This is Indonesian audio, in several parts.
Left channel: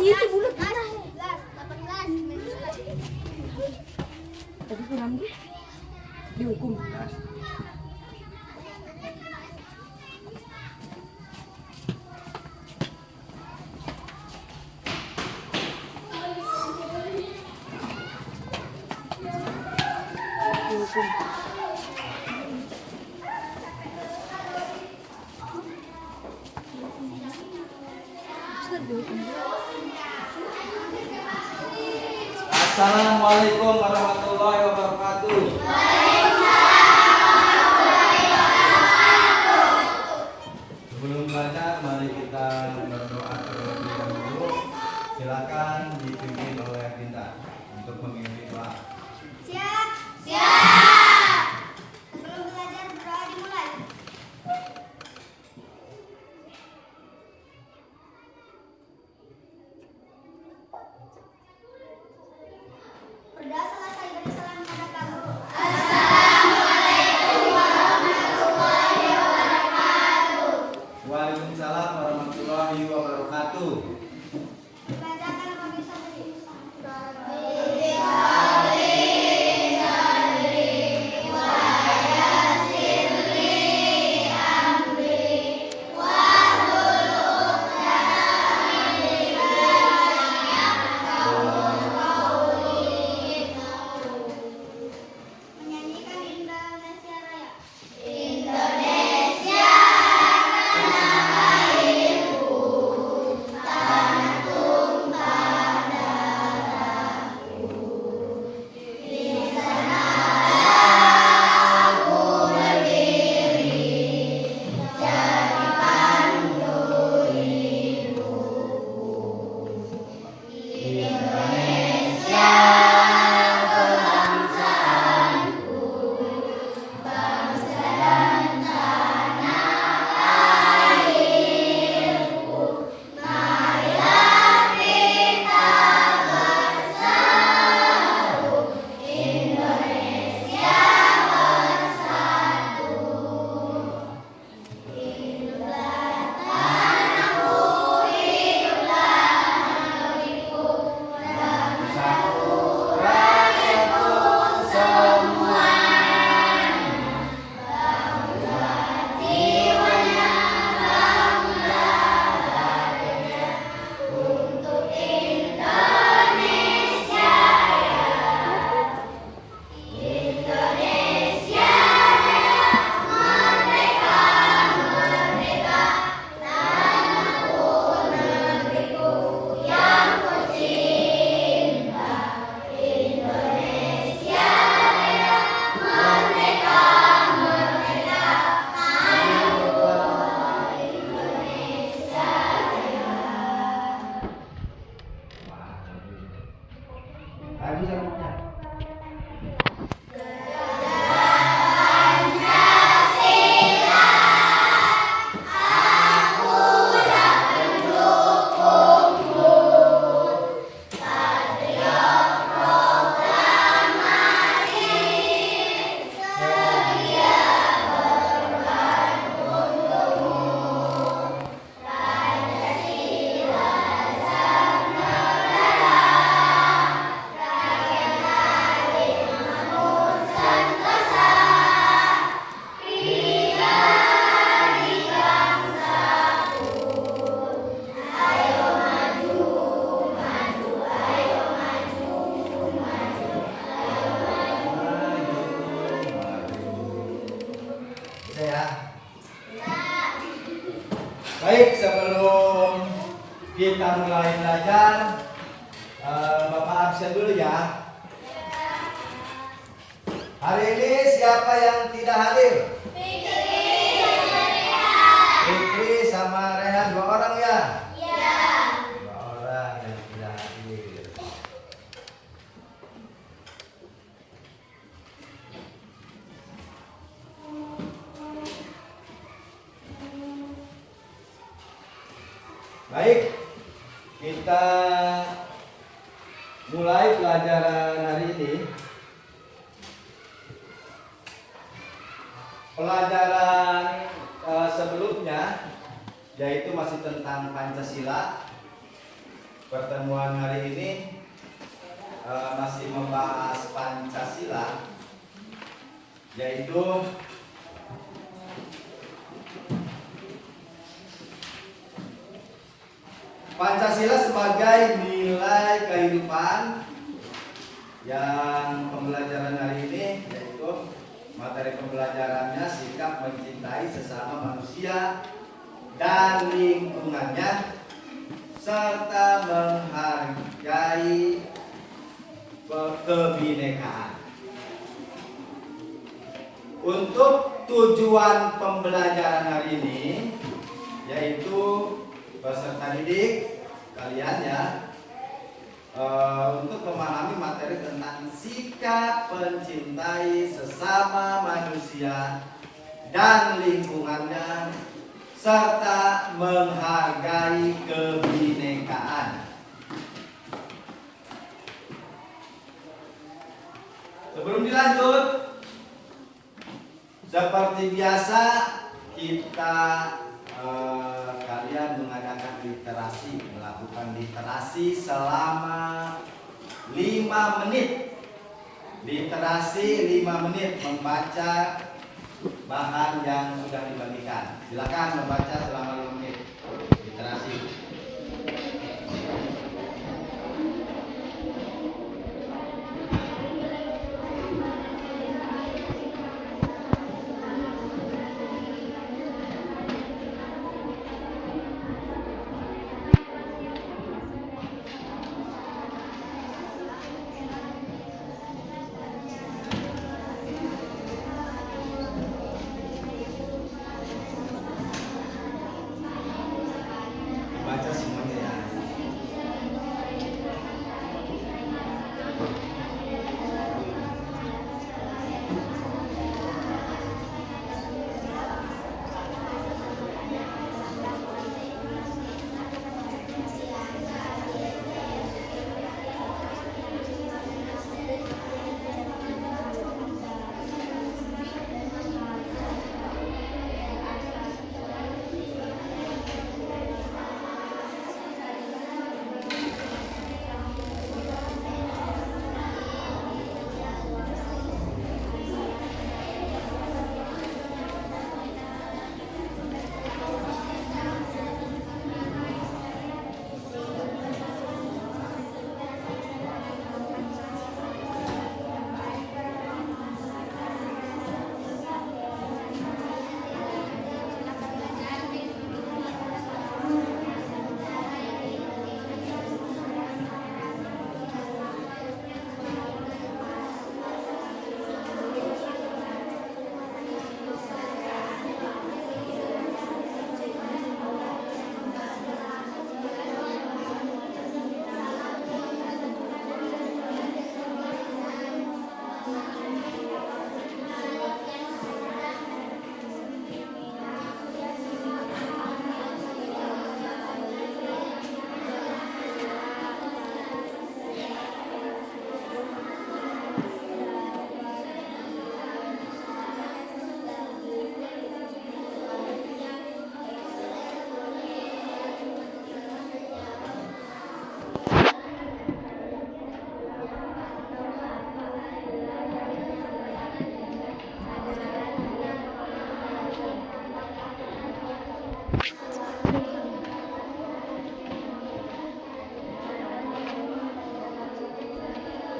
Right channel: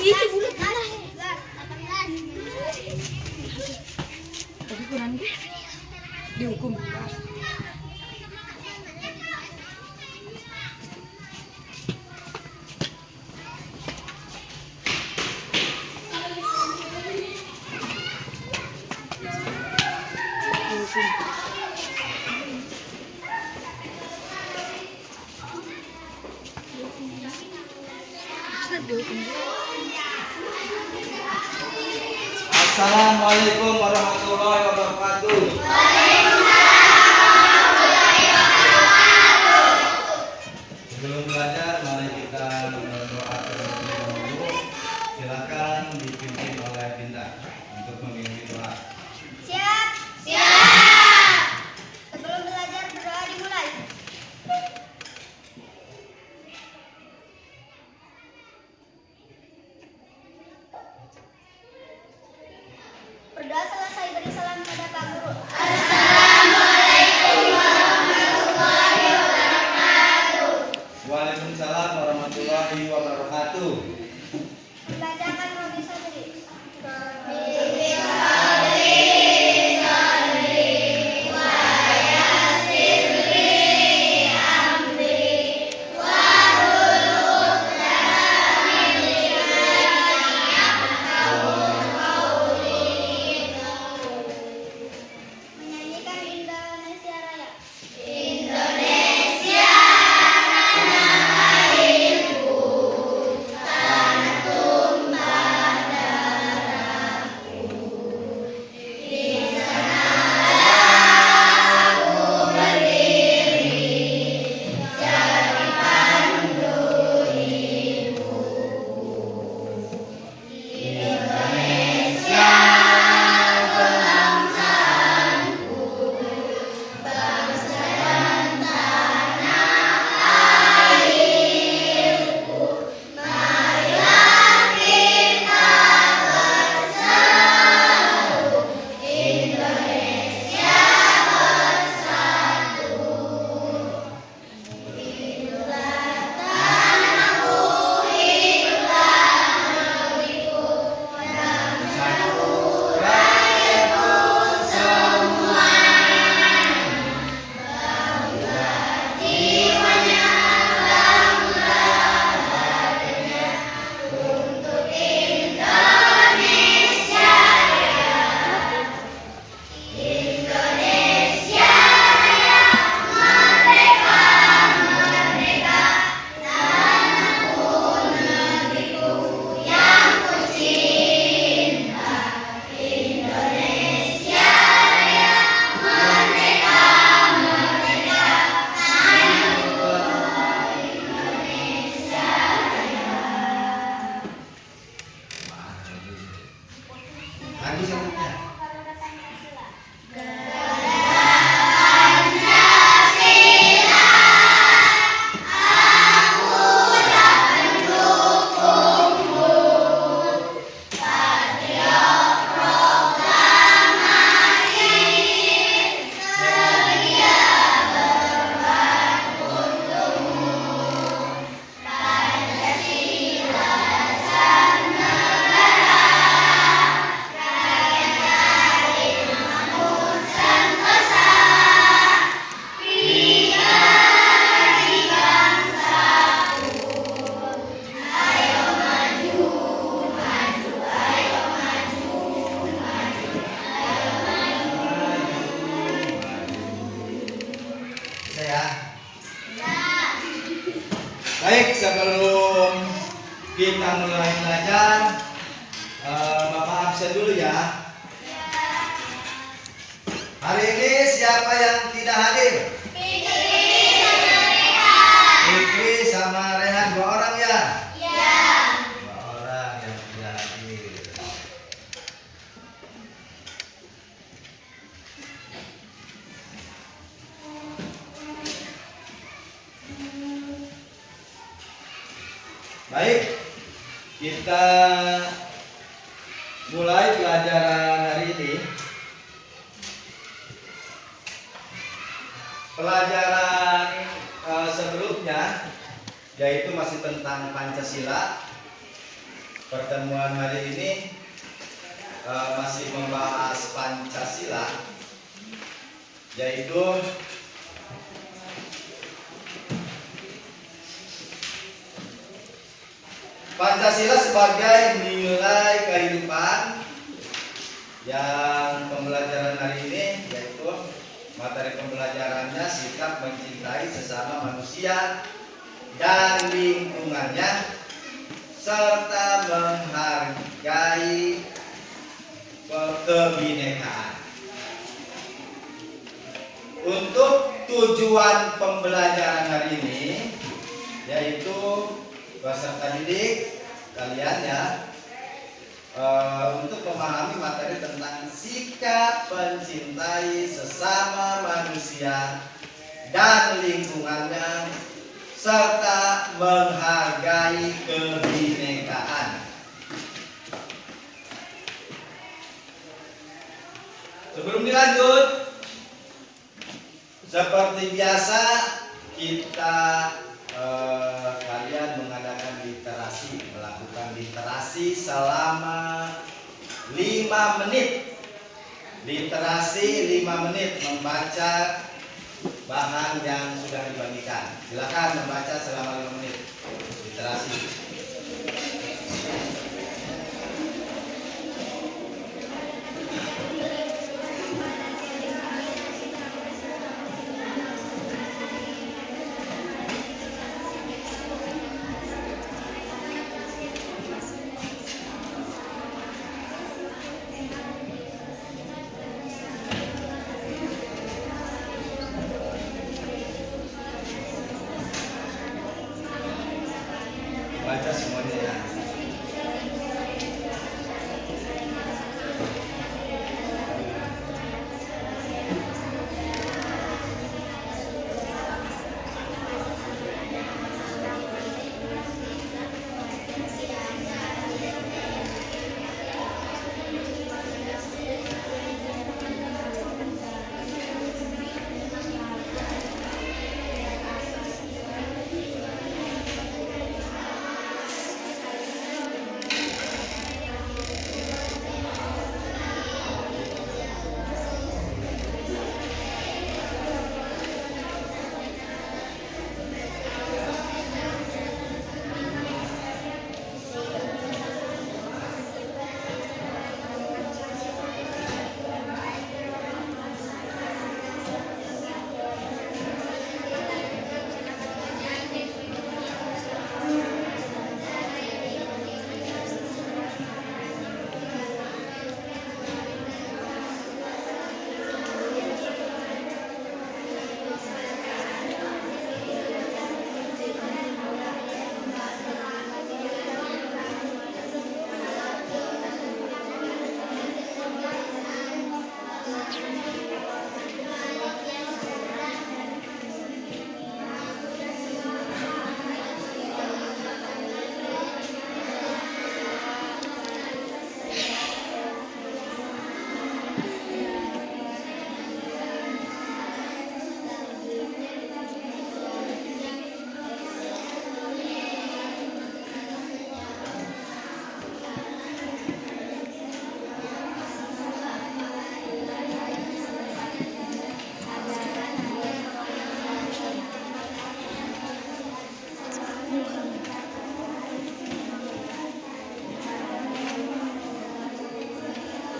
Itu bulat mana? Tapi kurang dihukum. Assalamualaikum warahmatullahi wabarakatuh. Sebelum belajar, mari kita berdoa terlebih dahulu. Silakan dipimpin oleh Binda untuk memimpin doa. Siap. Siap. Sebelum belajar berdoa dimulai. Berdoa selesai beri salam pada Pak Guru. Assalamualaikum warahmatullahi wabarakatuh. Waalaikumsalam warahmatullahi wabarakatuh. Dibacakan Robi Sabri. Menyanyikan Indonesia Raya. Indonesia tanah airku, tanah tumpah darahku. Di sanalah aku berdiri, jadi pandu hidupku. Indonesia bangsaanku, bangsa dan tanah airku. Marilah kita bersatu, Indonesia bersatu. Hiduplah tanahku, hiduplah negeriku, bangsaku, rakyatku semuanya. Bangunlah jiwanya, bangunlah badannya untuk Indonesia Raya. Indonesia Raya, merdeka, merdeka, tanahku, negeriku yang kucinta. Indonesia Raya, merdeka, merdeka, tanahku, Indonesia Raya. Lagi selanjutnya. Pancasila, aku tak mendukungmu. Patriot proklamasi, sedia berkorban untukmu. Pancasila sang negara, rakyat adil makmur sentosa. Bidadari bangsaku, ayo maju, maju, ayo maju, maju, ayo maju. Bisa ya? Ya. Baik, sebelum kita mulai belajar, Bapak absen dulu ya. Hari ini siapa yang tidak hadir? Fikri sama Rehan, 2 orang ya? Ya. 2 orang yang tidak hadir. Baik, kita mulai pelajaran hari ini. Pelajaran sebelumnya yaitu masih tentang Pancasila. pertemuan hari ini masih membahas Pancasila, yaitu Pancasila sebagai nilai kehidupan. Yang pembelajaran hari ini yaitu materi pembelajarannya sikap mencintai sesama manusia dan lingkungannya serta menghargai kebinekaan. Untuk tujuan pembelajaran hari ini yaitu peserta didik kalian ya, untuk memahami materi tentang sikap mencintai sesama manusia dan lingkungannya serta menghargai kebinekaan. Sebelum dilanjut, seperti biasa kita kalian mengadakan literasi, melakukan literasi selama 5 menit. Literasi 5 menit membaca bahan yang sudah dibagikan. Silakan membaca selama 5 menit. Literasi. Baca semuanya ya.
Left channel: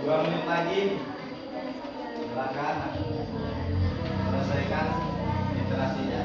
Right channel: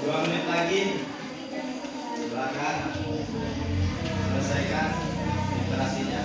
Dua menit lagi, silakan selesaikan literasinya.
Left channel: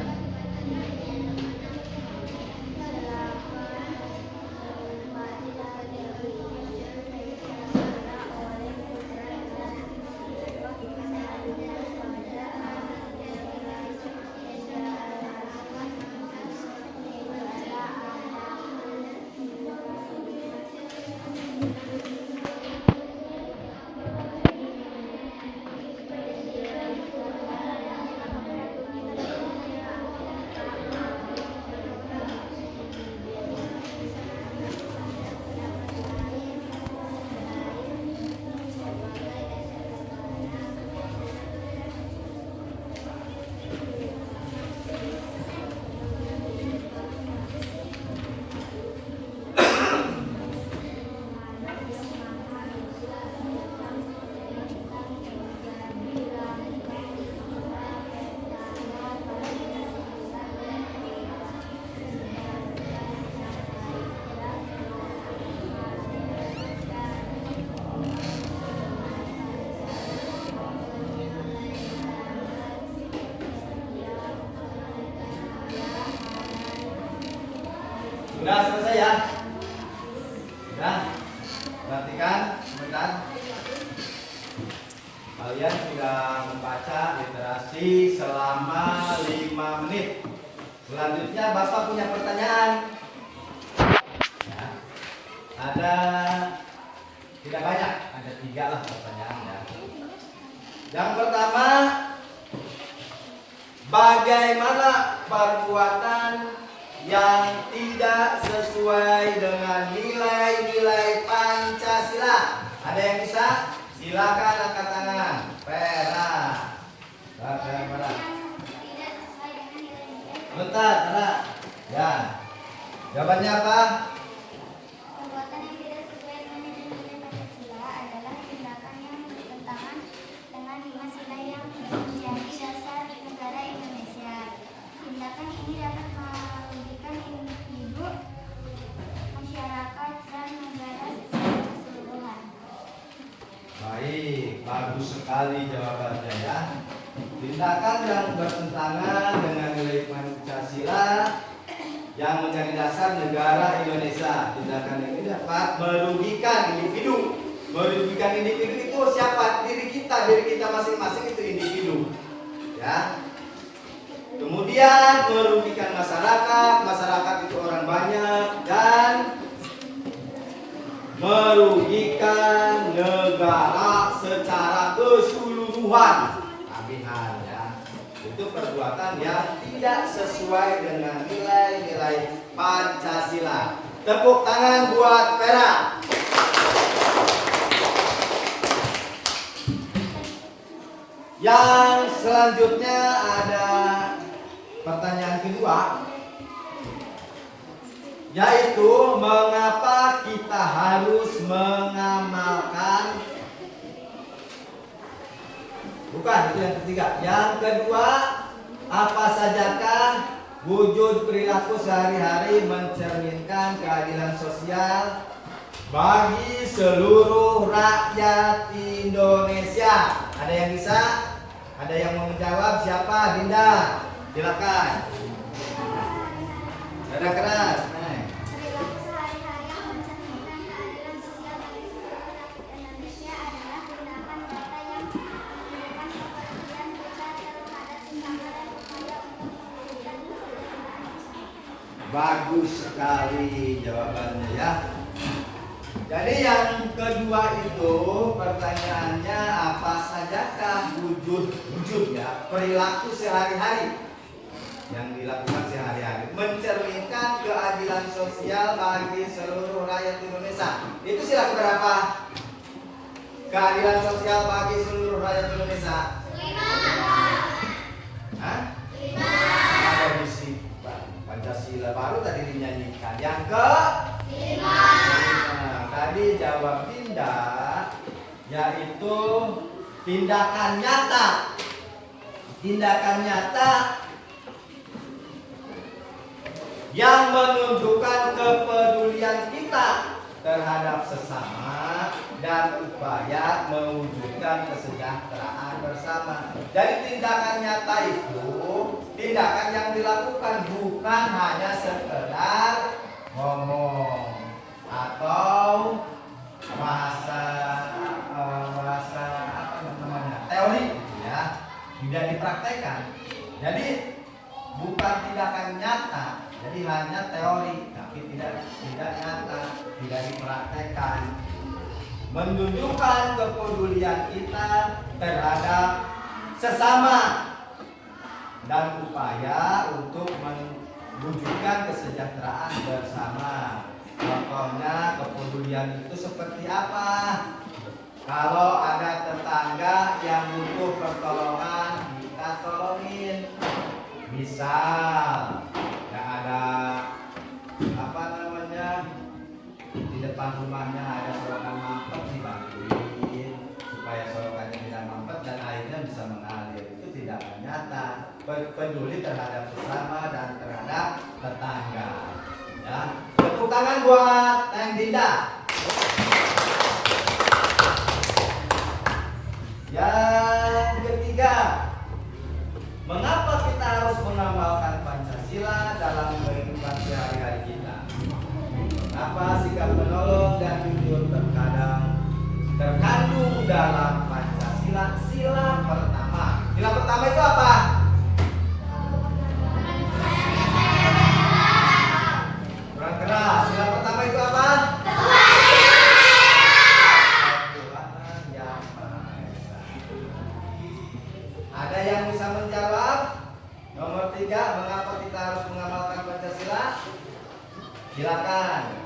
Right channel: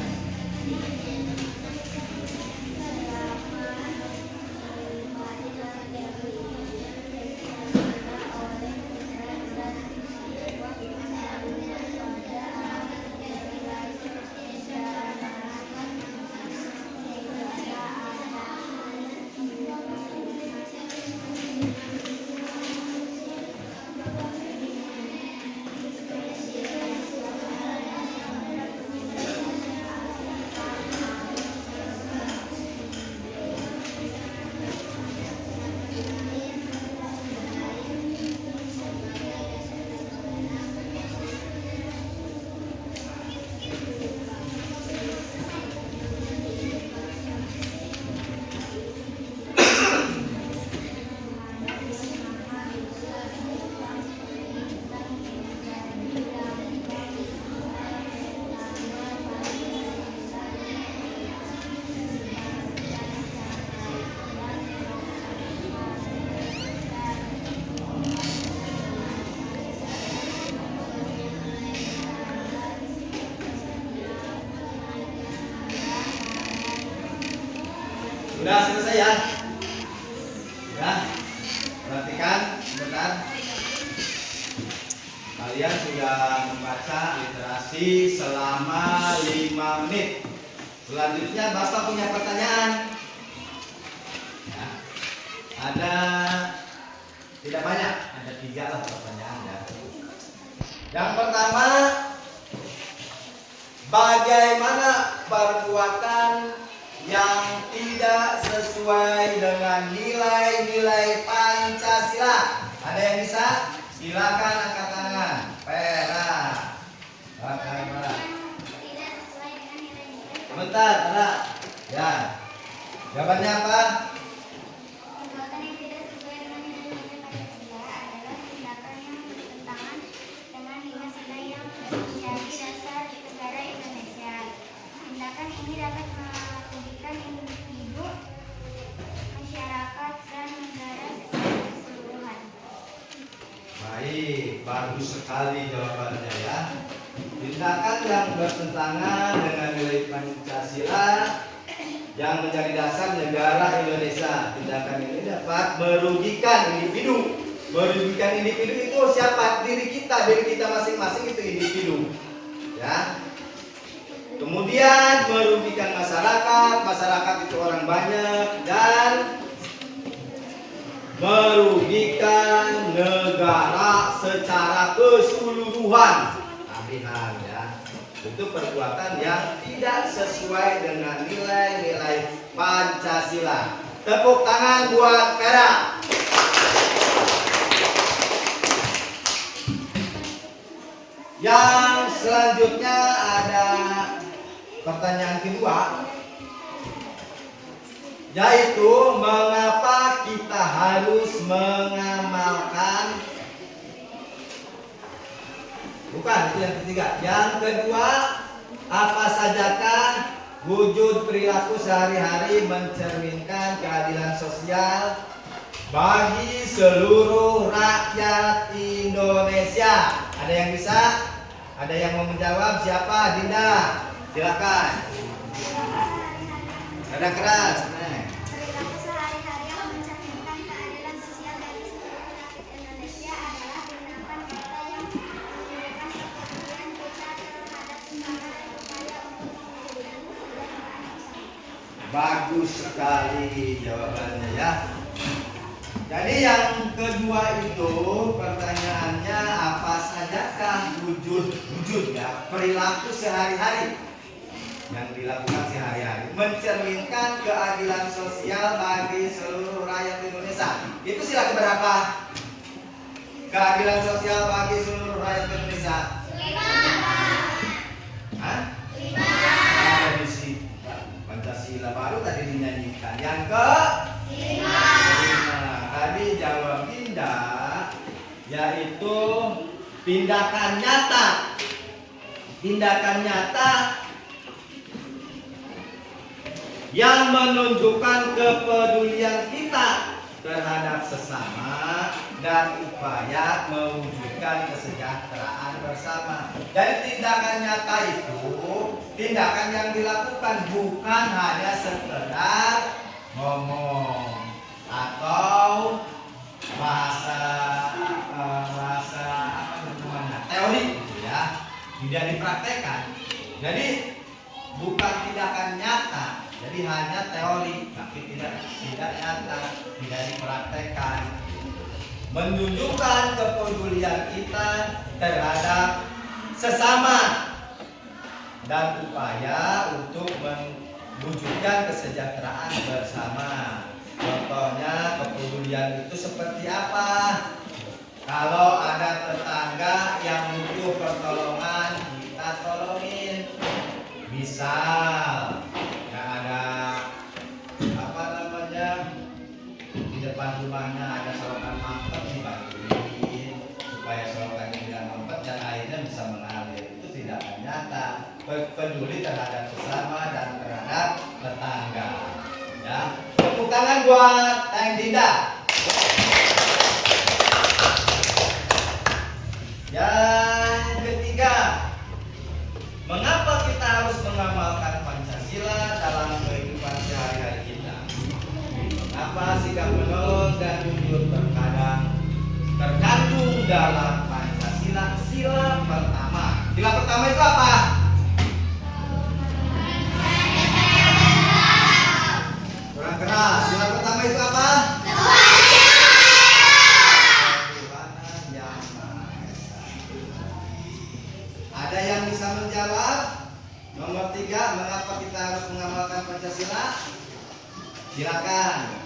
selesai ya. Ya, perhatikan sebentar. Kalian sudah membaca literasi selama 5 menit. Selanjutnya Bapak punya pertanyaan. Ya. Ada tidak banyak, ada 3 lah pertanyaan ya. Yang pertama, bagaimana perbuatan yang tidak sesuai dengan nilai-nilai Pancasila? Ada yang bisa? Silakan angkat tangan. Pera. Bagaimana? Tidak sesuai dengan nilai-nilai. Sebentar, ada. Ya. Jawabannya apa? Perbuatan yang tidak sesuai dengan nilai-nilai Pancasila adalah tindakan yang bertentangan dengan 5 sila yang menjadi dasar negara Indonesia. Tindakan ini dapat merugikan individu, masyarakat, dan negara secara keseluruhan. Baik, bagus sekali jawabannya ya. Tindakan yang bertentangan dengan nilai Pancasila yang menjadi dasar negara Indonesia. Tindakan ini dapat merugikan individu. Merugikan individu itu siapa? Diri kita masing-masing itu individu. Ya. Kemudian merugikan masyarakat itu orang banyak, dan merugikan negara secara keseluruhan. Tabihan ya. Itu perbuatan yang tidak sesuai dengan nilai-nilai Pancasila. Tepuk tangan buat Pera. Yang selanjutnya ada pertanyaan kedua, yaitu mengapa kita harus mengamalkan, bukan itu yang ketiga. Yang kedua, apa sajakah wujud perilaku sehari-hari mencerminkan keadilan sosial bagi seluruh rakyat Indonesia? Ada yang bisa? Ada yang mau menjawab? Siapa? Dinda, silakan. Ada keras. Perilaku sehari-hari yang mencerminkan keadilan sosial bagi seluruh rakyat Indonesia adalah tindakan nyata yang menunjukkan kepedulian kita terhadap sesama dan upaya untuk mewujudkan kesejahteraan bersama. Bagus sekali jawabannya ya. Jadi yang kedua itu pertanyaannya, apa sajakah wujud ya perilaku sehari-hari yang dilakukan sehari-hari mencerminkan keadilan sosial bagi seluruh rakyat Indonesia. Itu sila keberapa? Keadilan sosial bagi seluruh rakyat Indonesia. 5. Hah? 5. Ada di Pancasila baru tadi dinyanyikan. Yang ke 5. Tadi jawab Dinda, yaitu tindakan nyata. Tindakan nyata yang menunjukkan kepedulian kita terhadap sesama dan upaya mewujudkan kesejahteraan bersama. Jadi tindakan nyata itu tindakan yang dilakukan, bukan hanya sekedar ngomong atau bahasa apa namanya, teori ya, tidak dipraktekkan. Jadi bukan tindakan nyata, jadi hanya teori tapi tidak nyata, tidak dipraktekkan. Menunjukkan kepedulian kita terhadap sesama dan upaya untuk mewujudkan kesejahteraan bersama. Contohnya kepedulian itu seperti apa? Kalau ada tetangga yang butuh pertolongan, kita tolongin. Misal ya ada apa namanya, di depan rumahnya ada selokan mampet, dibantuin supaya selokannya tidak mampet dan airnya bisa mengalir. Itu tindakan nyata, peduli terhadap sesama dan terhadap tetangga. Ya, tepuk tangan buat Teng Dinda. Yang ketiga, mengapa kita harus mengamalkan Pancasila dalam kehidupan sehari-hari kita? dalam Pancasila sila pertama. Sila pertama itu apa? Kurang keras. Sila pertama itu apa? Ketuhanan Yang Maha Esa. Ada yang bisa menjawab? Nomor 3, mengapa kita harus mengamalkan Pancasila? Silakan.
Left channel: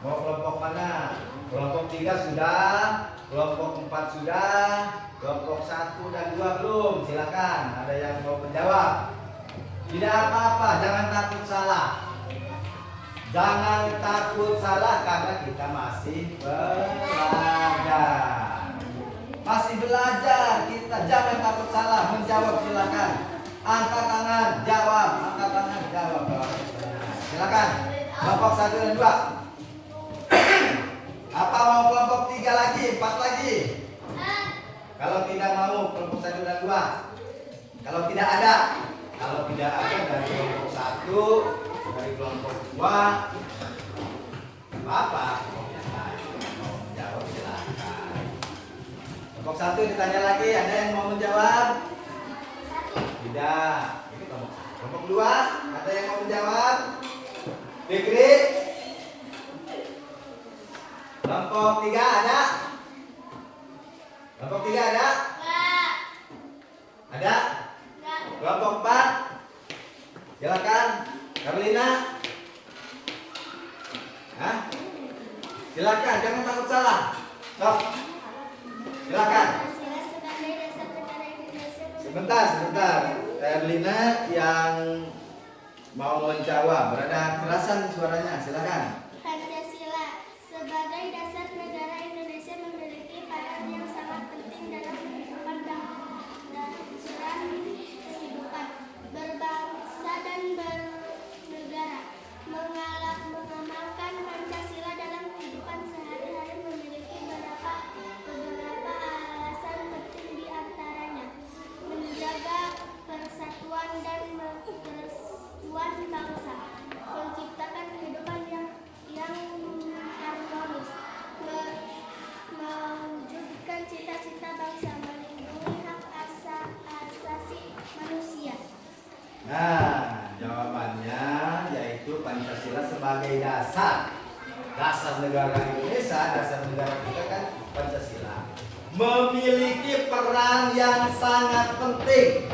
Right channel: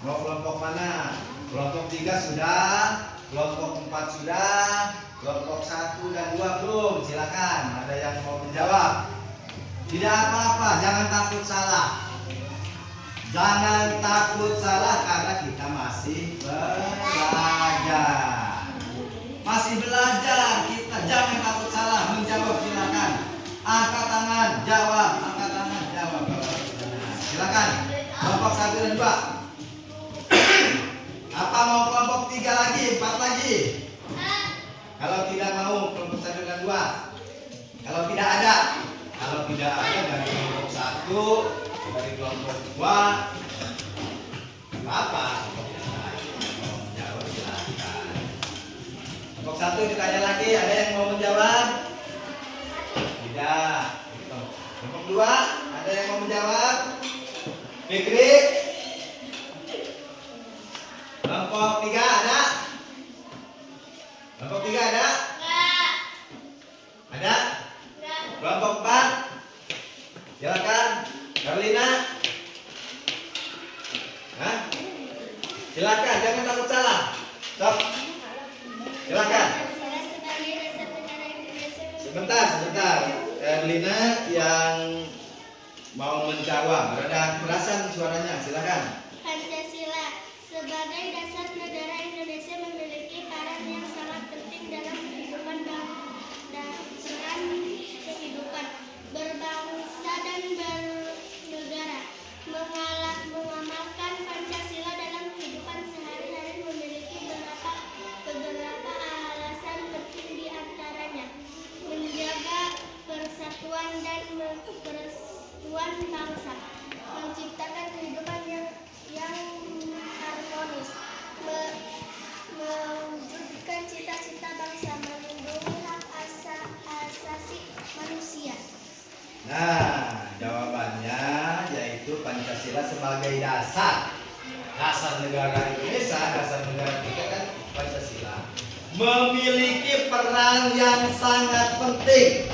Mau kelompok mana? Kelompok 3 sudah, kelompok 4 sudah, kelompok 1 dan 2 belum. Silakan. Ada yang mau menjawab? Tidak apa-apa, jangan takut salah. Jangan takut salah karena kita masih belajar. Masih belajar kita, jangan takut salah. Menjawab silakan. Angkat tangan, jawab. Angkat tangan, jawab. Silakan. Kelompok 1 dan 2. Apa mau kelompok 3 lagi, 4 lagi? Kalau tidak mau kelompok 1 dan 2. Kalau tidak ada dari kelompok 1, dari kelompok 2, apa? Mau menjawab silakan. Kelompok 1 ditanya lagi, ada yang mau menjawab? Tidak. Itu kelompok 2, ada yang mau menjawab? Fikri? Kelompok 3 ada? Kelompok 3 ada? Ada? Kelompok 4? Silakan. Carlina? Hah? Silakan, jangan takut salah. Stop. Silakan. Sebentar. Carlina yang mau menjawab, berada kerasan suaranya. Silakan. Pancasila sebagai dasar negara Indonesia memiliki peran yang sangat penting dalam kehidupan berbangsa dan bernegara. Mengamalkan Pancasila dalam kehidupan sehari-hari memiliki beberapa alasan penting, di antaranya menjaga persatuan dan kesatuan bangsa, menciptakan kehidupan yang harmonis, mewujudkan cita-cita bangsa, melindungi hak asasi manusia. Nah, jawabannya yaitu Pancasila sebagai dasar negara Indonesia, dasar negara kita kan Pancasila, memiliki peran yang sangat penting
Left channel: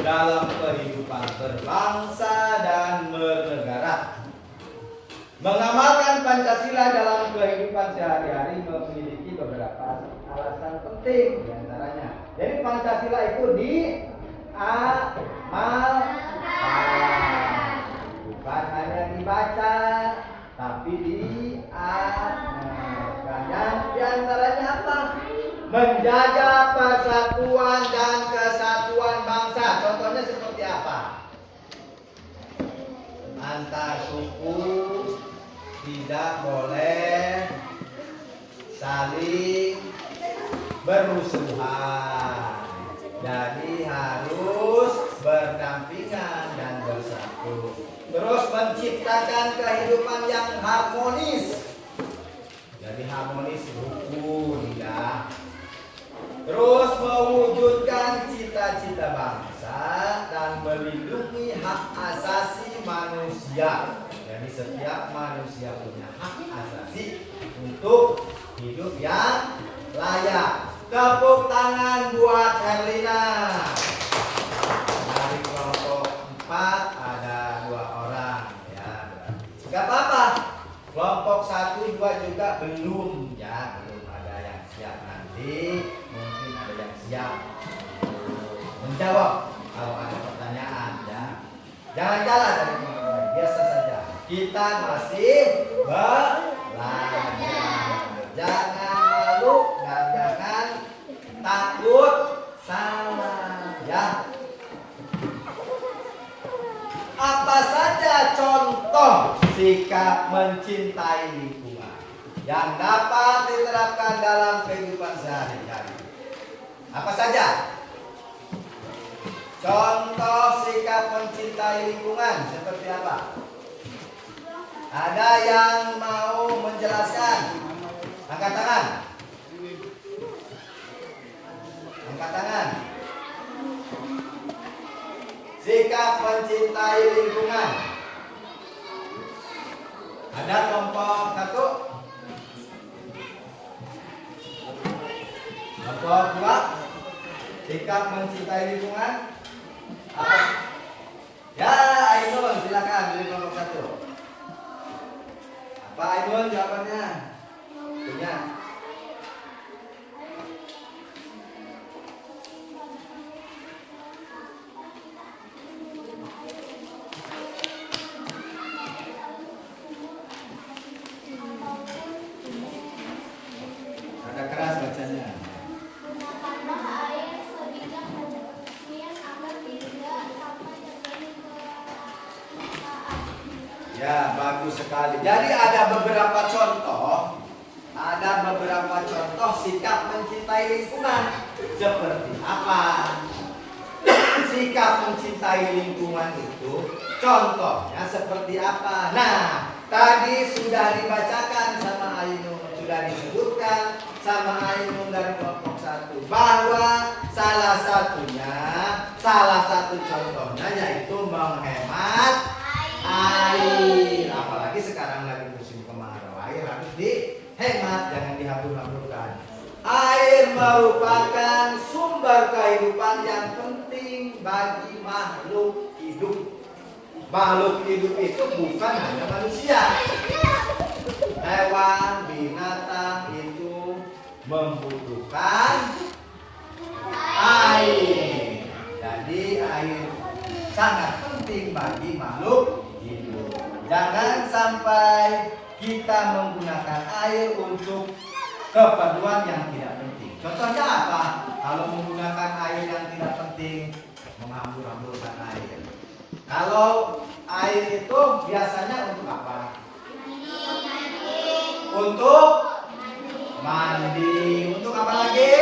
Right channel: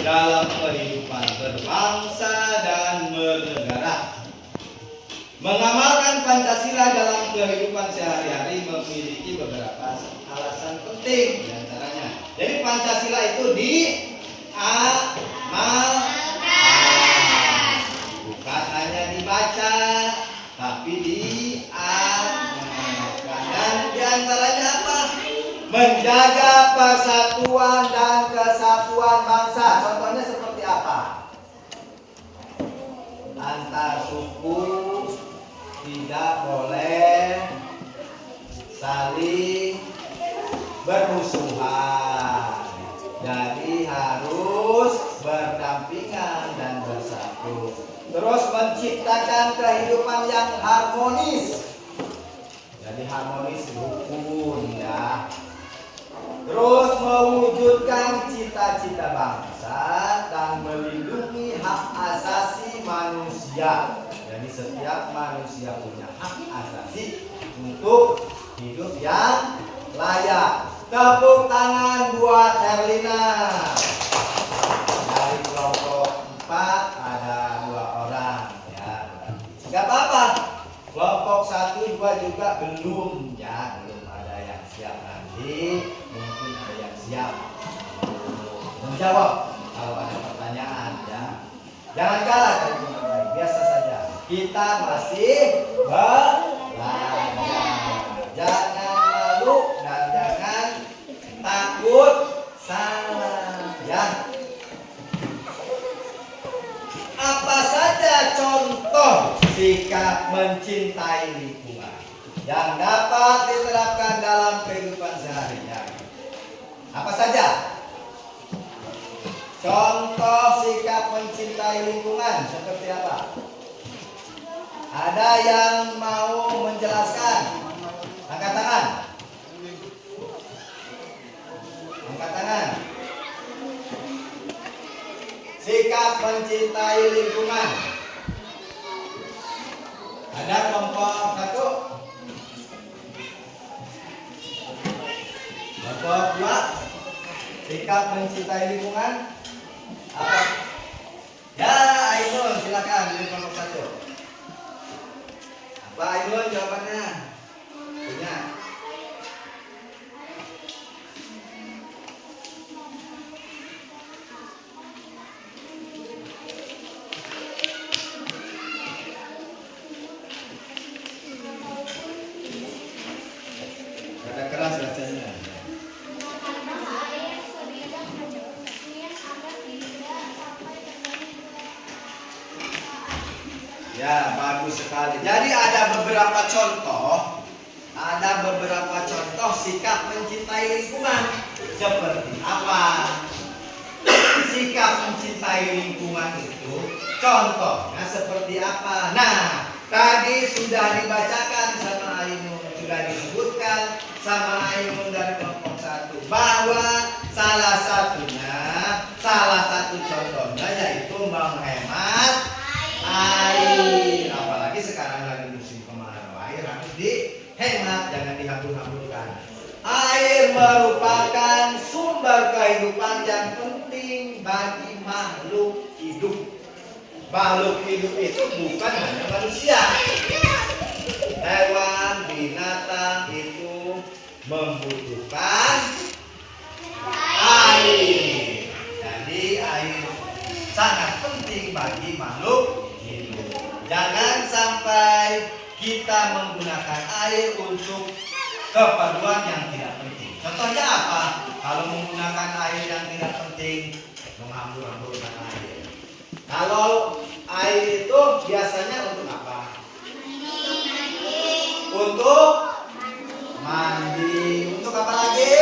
dalam kehidupan berbangsa dan bernegara. Mengamalkan Pancasila dalam kehidupan sehari-hari memiliki beberapa alasan penting, di antaranya. Jadi Pancasila itu bukan hanya dibaca, tapi diamalkan. Dan di antaranya apa? Menjaga persatuan dan kesatuan bangsa. Contohnya seperti apa? Antar suku tidak boleh saling bermusuhan. Jadi harus berdampingan dan bersatu. Terus menciptakan kehidupan yang harmonis. Jadi harmonis rukun ya. Terus mewujudkan cita-cita bangsa dan melindungi hak asasi manusia. Jadi setiap manusia punya hak asasi untuk hidup yang layak. Tepuk tangan buat Herlina. Dari kelompok 4 ada 2 orang ya. Gak apa-apa. Kelompok 1, 2 juga belum ada yang siap. Nanti mungkin ada yang siap menjawab kalau ada pertanyaan ya. Jangan kalah dari teman lain, biasa saja. Kita masih belajar. Jangan malu dan jangan takut salah ya. Apa saja contoh sikap mencintai lingkungan yang dapat diterapkan dalam kehidupan sehari-hari? Apa saja? Contoh sikap mencintai lingkungan seperti apa? Ada yang mau menjelaskan? Angkat tangan. sikap mencintai lingkungan. Ada kelompok 1, kelompok 2, sikap mencintai lingkungan. Apa? Ya, Ainun, silakan dari kelompok 1. Apa Ainun jawabannya? Punya. Agak keras bacanya. Gunakanlah air sebijak mungkin agar tidak sampai terjadi kelangkaan. Ya, bagus sekali. Jadi ada beberapa contoh sikap mencintai lingkungan. Seperti apa? Sikap mencintai lingkungan itu contohnya seperti apa? Nah, tadi sudah dibacakan sama Ainun, sudah disebutkan sama Ainun dari kelompok 1 bahwa salah satu contohnya yaitu menghemat air. Apalagi sekarang lagi musim kemarau, air harus dihemat, jangan dihambur-hamburkan. Air merupakan sumber kehidupan yang penting bagi makhluk hidup. Makhluk hidup itu bukan hanya manusia. Hewan, binatang itu membutuhkan air. Jadi air sangat penting bagi makhluk hidup. Jangan sampai kita menggunakan air untuk keperluan yang tidak penting. Contohnya apa? Kalau menggunakan air yang tidak penting, menghambur-hamburkan air. Kalau air itu biasanya untuk apa? Untuk mandi. Untuk apa lagi?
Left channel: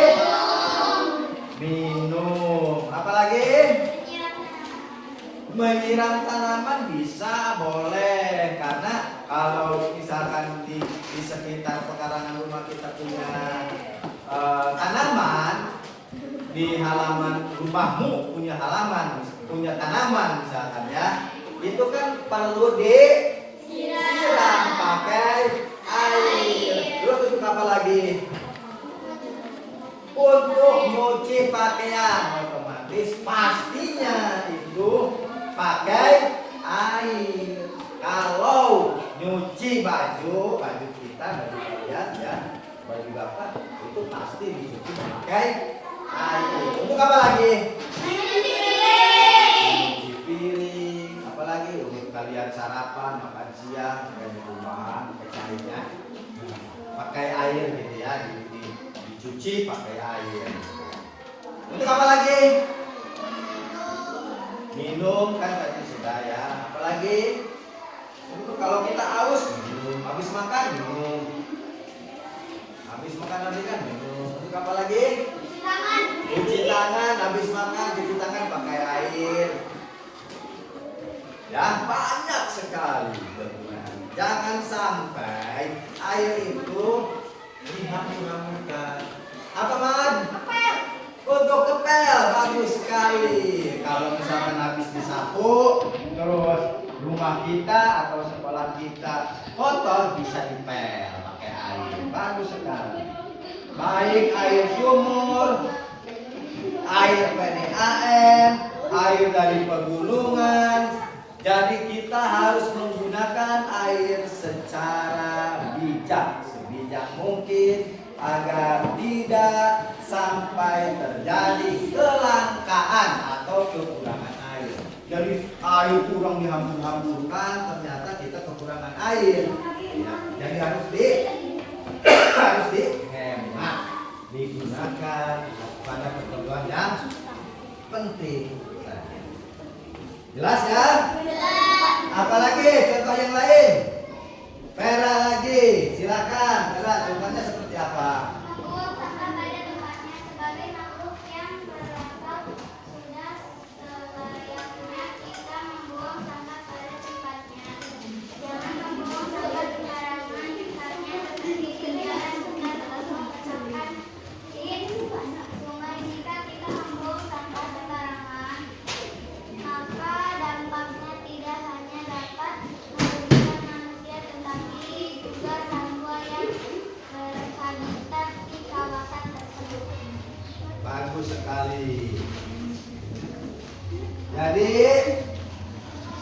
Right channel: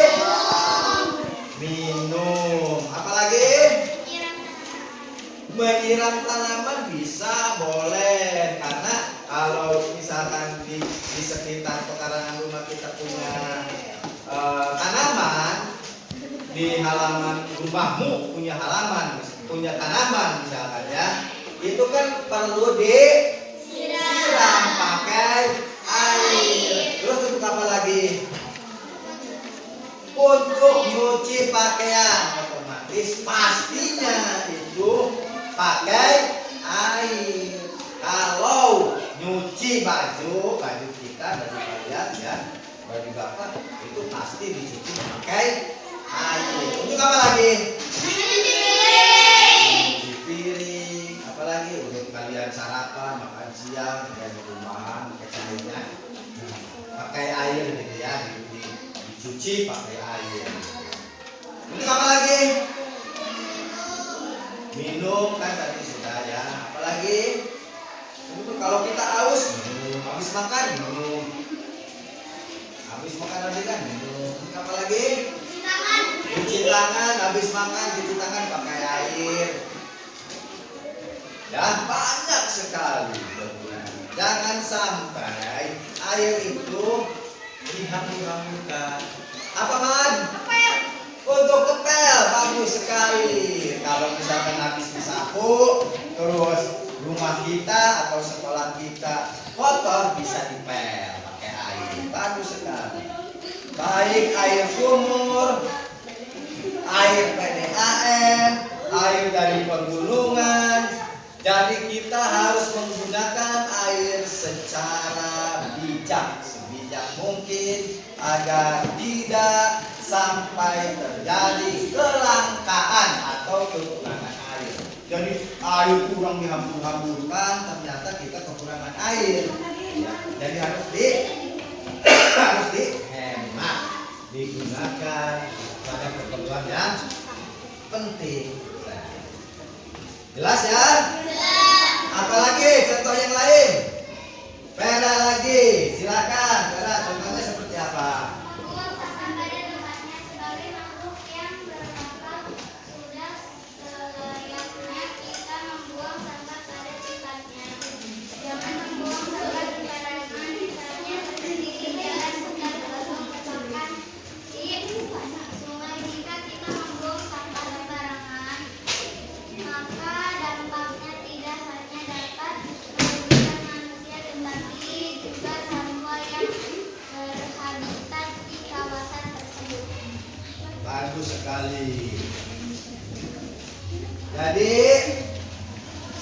Minum. Apa lagi? Menyiram tanaman bisa, boleh. Karena kalau misalkan di sekitar pekarangan rumah kita punya tanaman, di halaman rumahmu punya tanaman misalkan ya, itu kan perlu disiram pakai air. Terus untuk apa lagi? Untuk nyuci pakaian, otomatis pastinya itu pakai air. Kalau nyuci baju kita, baju kalian ya, baju bapak itu pasti dicuci pakai air. Untuk apa lagi? Nyuci piring. Apalagi untuk kalian sarapan, makan siang, dan rumahan, kecilnya pakai air gitu ya, dicuci pakai air. Untuk apa lagi? Minum kan tadi sudah ya. Apalagi? Untuk kalau kita haus minum, habis makan minum, habis makan tadi kan minum. Untuk apa lagi? Cuci tangan, habis makan cuci tangan pakai air. Ya banyak sekali penggunaan. Jangan sampai air itu dihambur-hamburkan. Apa man? Untuk kepel bagus sekali. Kalau misalkan habis disapu, terus rumah kita atau sekolah kita kotor, bisa dipel pakai air. Bagus sekali. Baik air sumur, air PDAM, air dari pegunungan. Jadi kita harus menggunakan air secara bijak, sebijak mungkin agar tidak sampai terjadi kelangkaan atau kekurangan air. Jadi air kurang dihambur-hamburkan, ternyata kita kekurangan air. Ya, jadi harus dihemat, digunakan pada keperluan yang penting. Jelas ya? Apalagi contoh yang lain? Vera lagi, silakan. Vera, contohnya seperti apa? Membuang sampah pada tempatnya sebagai makhluk yang berakal sudah selayaknya kita membuang sampah pada tempatnya. Jangan membuang sampah sembarangan, misalnya berhenti di jalan sedang kosong bahkan di sungai. Jika kita membuang sampah sembarangan, maka Jadi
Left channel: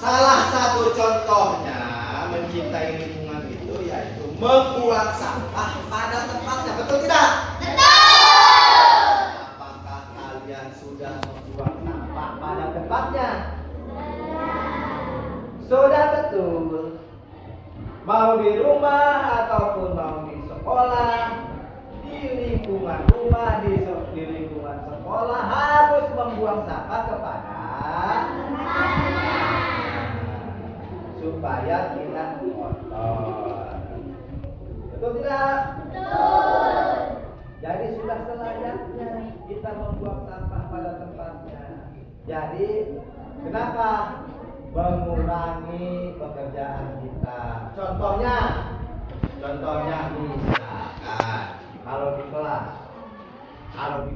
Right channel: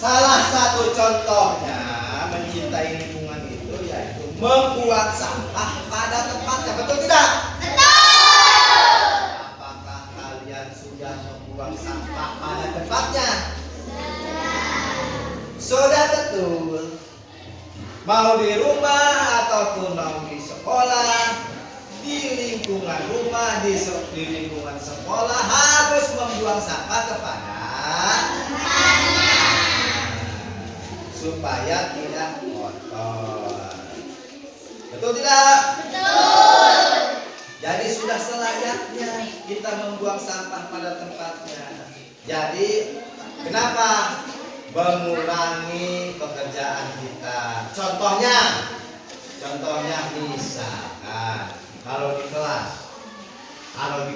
salah satu contohnya mencintai lingkungan itu yaitu membuang sampah pada tempatnya. Betul tidak? Apakah kalian sudah membuang sampah pada tempatnya? Sudah betul. Mau di rumah ataupun mau di sekolah, di lingkungan rumah, di lingkungan sekolah harus membuang sampah kepada supaya tidak kotor. Betul tidak? Betul. Jadi sudah selayaknya kita membuang sampah pada tempatnya. Jadi kenapa? Mengurangi pekerjaan kita. Contohnya misalkan kalau di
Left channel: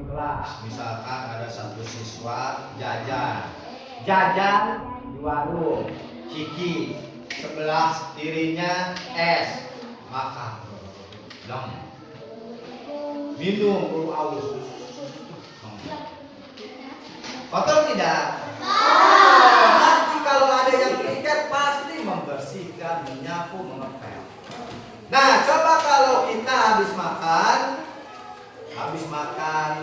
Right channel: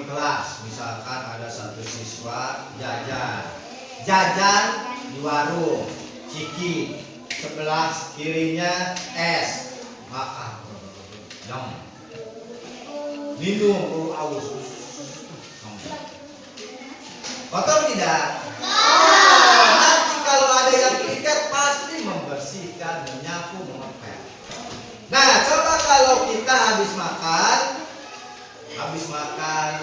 kelas misalkan ada satu siswa jajan di warung Ciki, sebelah kirinya es, makan, minum, aus, kotor tidak? Nanti kalau ada yang piket pasti membersihkan, menyapu, mengepel. Nah, coba kalau kita habis makan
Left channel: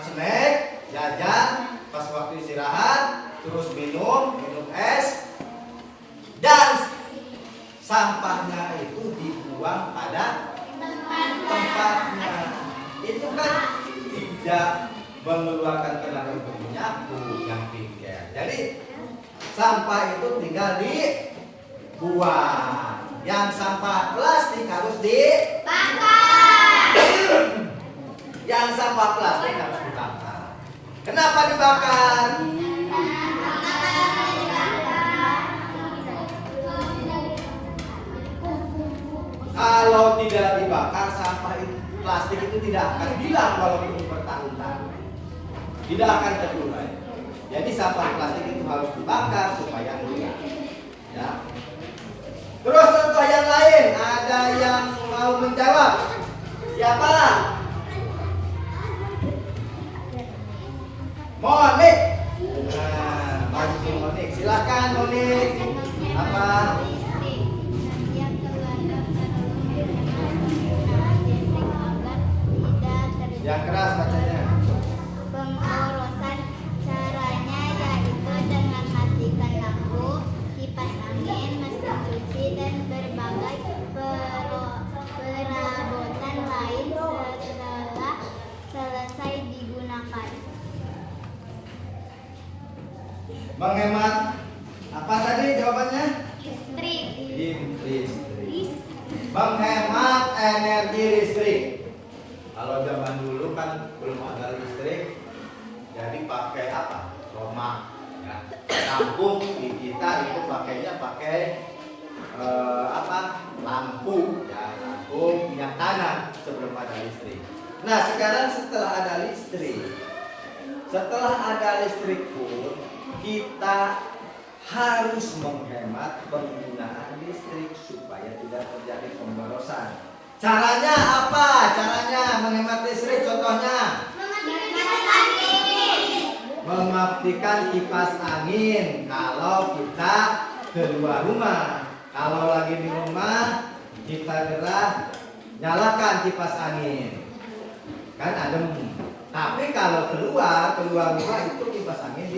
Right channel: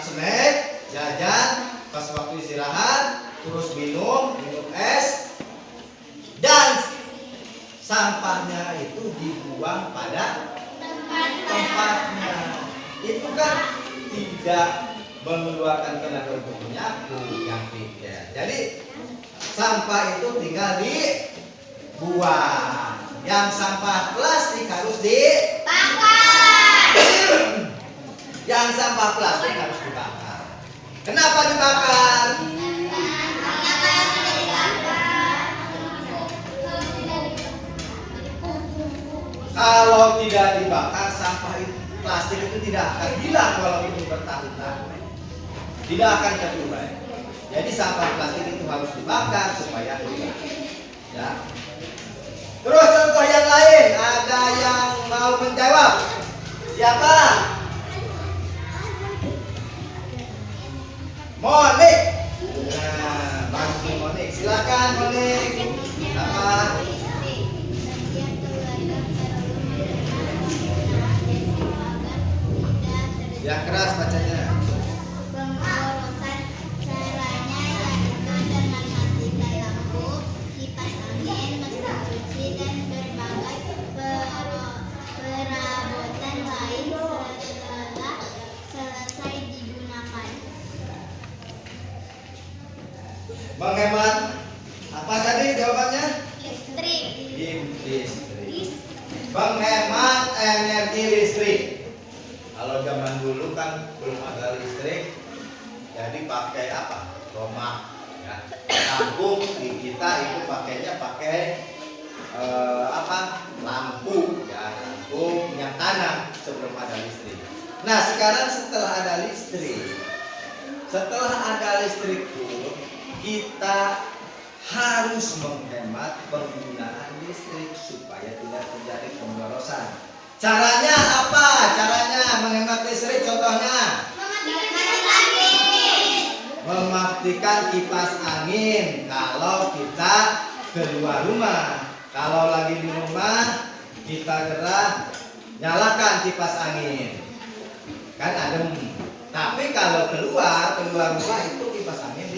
snack, jajan, pas waktu istirahat, terus minum es, dan sampahnya itu dibuang pada tempatnya. Itu kan tidak mengeluarkan tenaga untuk menyapu yang piket. Jadi sampah itu tinggal dibuang. Yang sampah plastik harus dibakar. Yang sampah plastik harus dibakar. Kenapa dibakar? Kalau tidak dibakar, sampah plastik itu tidak akan hilang walaupun ini bertahun-tahun. Tidak akan terurai. Jadi sampah plastik itu harus dibakar supaya hilang. Ya. Terus contoh yang lain, ada yang mau menjawab? Siapa? Monik. Nah, Monik, silakan Monik. Apa? Yang keras bacanya. Pemborosan caranya yaitu dengan matikan lampu, kipas angin, mesin cuci, dan berbagai perabotan lain setelah selesai digunakan. Menghemat apa tadi jawabannya? Listrik. Listrik. Menghemat energi listrik. Kalau zaman dulu kan belum ada listrik, jadi pakai apa? Tomak. Nah, kampung di kita itu pakainya lampu, ya lampu minyak tanah sebelum ada listrik. Nah sekarang setelah ada listrik pun kita harus menghemat penggunaan listrik supaya tidak terjadi pemborosan. Caranya apa? Caranya menghemat listrik contohnya mematikan kipas angin kalau kita keluar rumah. Kalau lagi di rumah kita gerak nyalakan kipas angin, kan adem. Tapi kalau keluar rumah itu kipas angin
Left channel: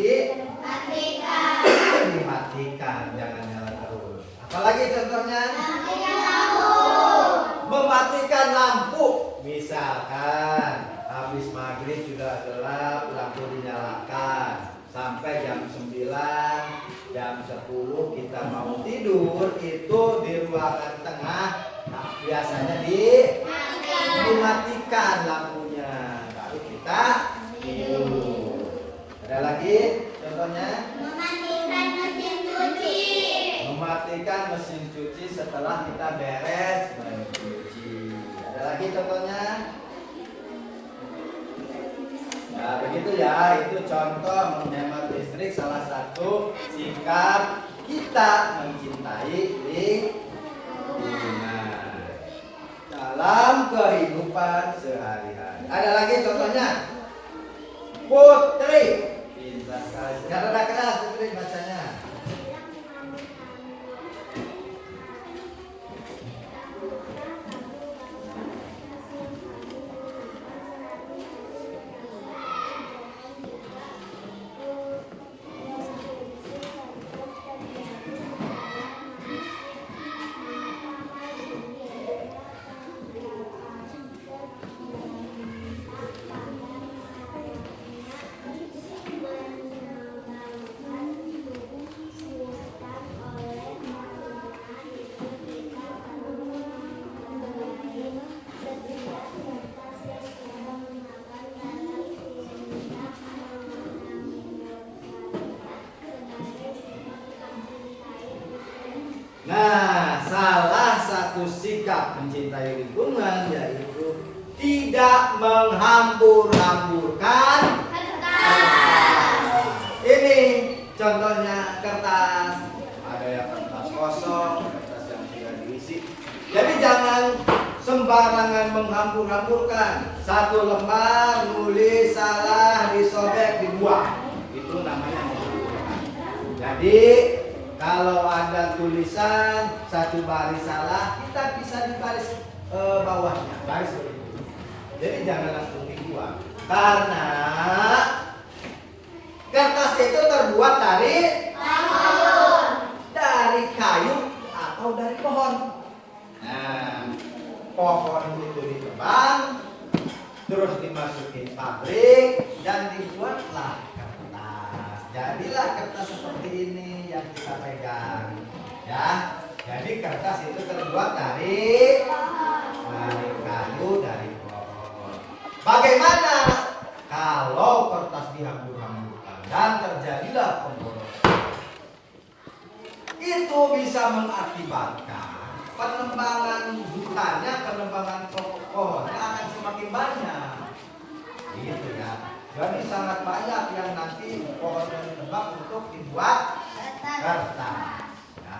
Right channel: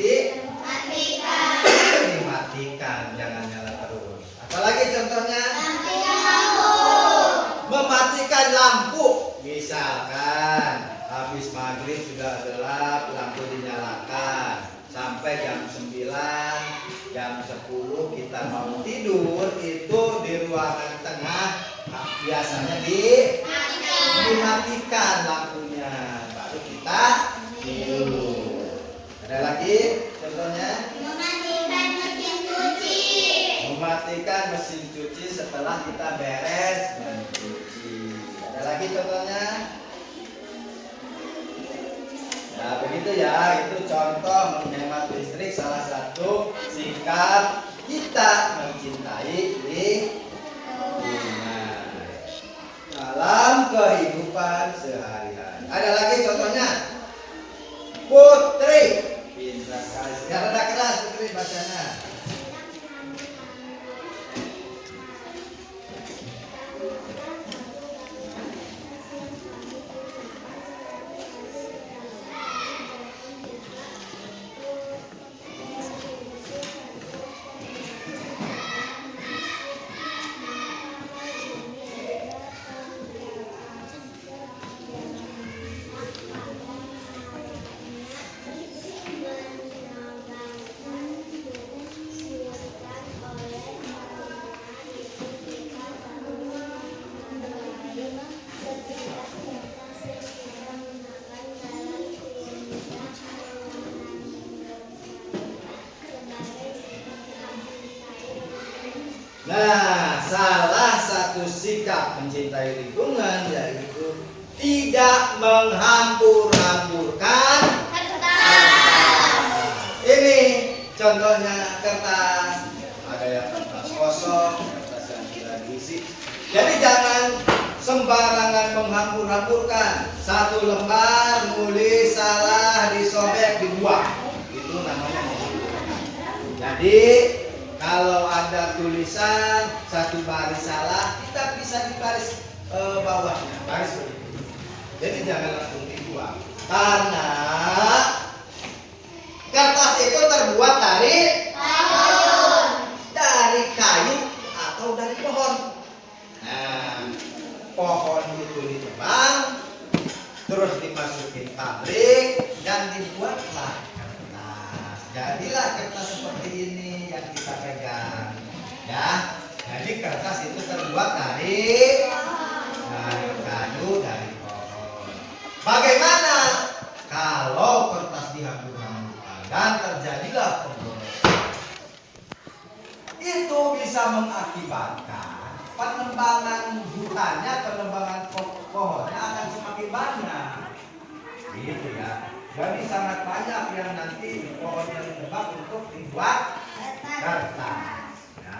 dimatikan, jangan nyala terus. Apalagi contohnya mematikan lampu. Misalkan habis maghrib sudah gelap, lampu dinyalakan sampai jam 9, jam 10 kita mau tidur, itu di ruangan tengah biasanya dimatikan lampunya, baru kita tidur. Ada lagi contohnya? Mematikan mesin cuci setelah kita beres mencuci. Ada lagi contohnya? Nah begitu ya, itu contoh menghemat listrik, salah satu sikap kita mencintai lingkungan dalam kehidupan sehari-hari. Ada lagi contohnya? Putri, pintar sekali. Gak ada keras Putri. adik bacanya. Nah, salah satu sikap mencintai lingkungan yaitu tidak menghambur-hamburkan kertas. Ini contohnya kertas. Ada yang kertas kosong, kertas yang tidak diisi. Jadi jangan sembarangan menghambur-hamburkan. Satu lembar nulis salah disobek dibuang. Itu namanya menghambur-hamburkan. Jadi kalau ada tulisan satu baris salah, kita bisa di baris bawahnya, baris begitu. Jadi jangan langsung dibuang, karena kertas itu terbuat dari kayu atau dari pohon. Nah, pohon itu ditebang, terus dimasukin pabrik dan dibuatlah kertas. Jadilah kertas seperti ini yang kita pegang, ya. Jadi kertas itu terbuat dari kayu, dari pohon. Bagaimana kalau kertas dihambur-hamburkan dan terjadilah pemborosan? Itu bisa mengakibatkan penebangan hutannya, penebangan pohonnya akan semakin banyak. Gitu ya. Jadi sangat banyak yang nanti pohonnya ditebang untuk dibuat kertas. Ya.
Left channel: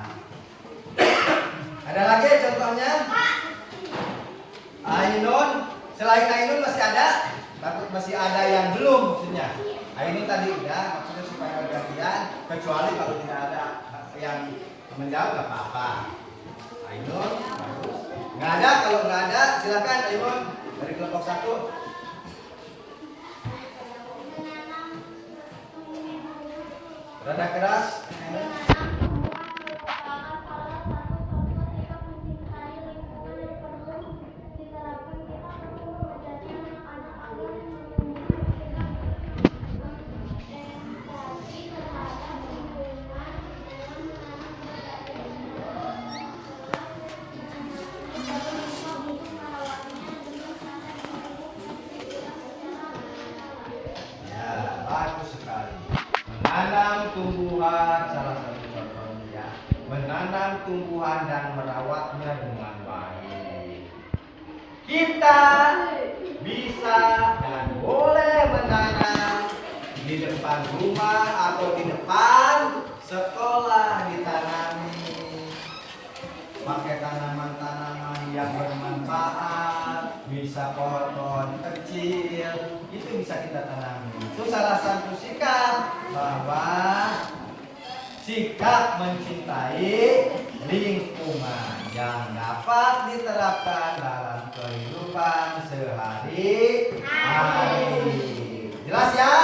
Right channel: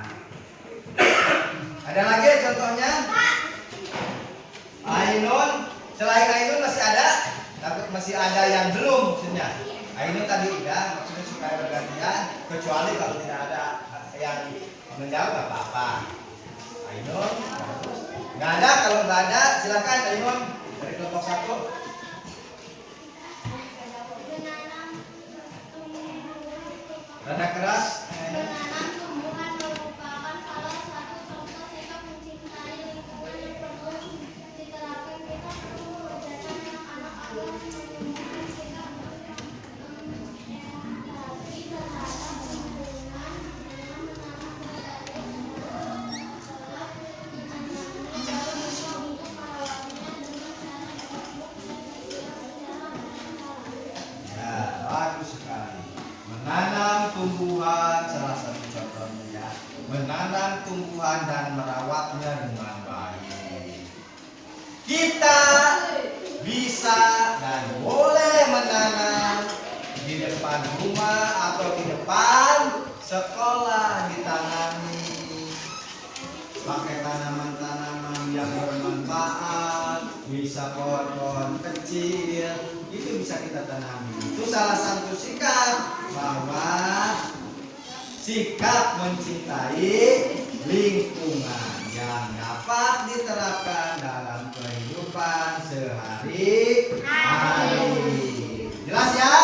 Ada lagi contohnya? Ainun, selain Ainun masih ada? Takut masih ada yang belum maksudnya. Ainun tadi udah, maksudnya supaya bergantian. Kecuali kalau tidak ada yang menjawab nggak apa-apa. Ainun, nggak ada. Kalau nggak ada, silakan Ainun dari kelompok 1. Rada keras. Menanam tumbuhan merupakan salah satu contoh sikap mencintai lingkungan yang perlu diterapkan. Kita perlu mengajarkan anak-anak agar menumbuhkan sikap berempati terhadap lingkungan dengan menanam berbagai tumbuhan setelah ditanamnya, baru bisa untuk merawatnya dengan cara yang baik dan juga secara berkala. Ya, bagus sekali. Menanam tumbuhan salah satu contohnya ya. Menanam tumbuhan dan merawatnya dengan baik. Kita bisa dan boleh menanam di depan rumah atau di depan sekolah, ditanami pakai tanaman-tanaman yang bermanfaat, bisa pohon-pohon kecil, itu bisa kita tanami. Itu salah satu sikap bahwa sikap mencintai lingkungan yang dapat diterapkan dalam kehidupan sehari-hari. Jelas ya?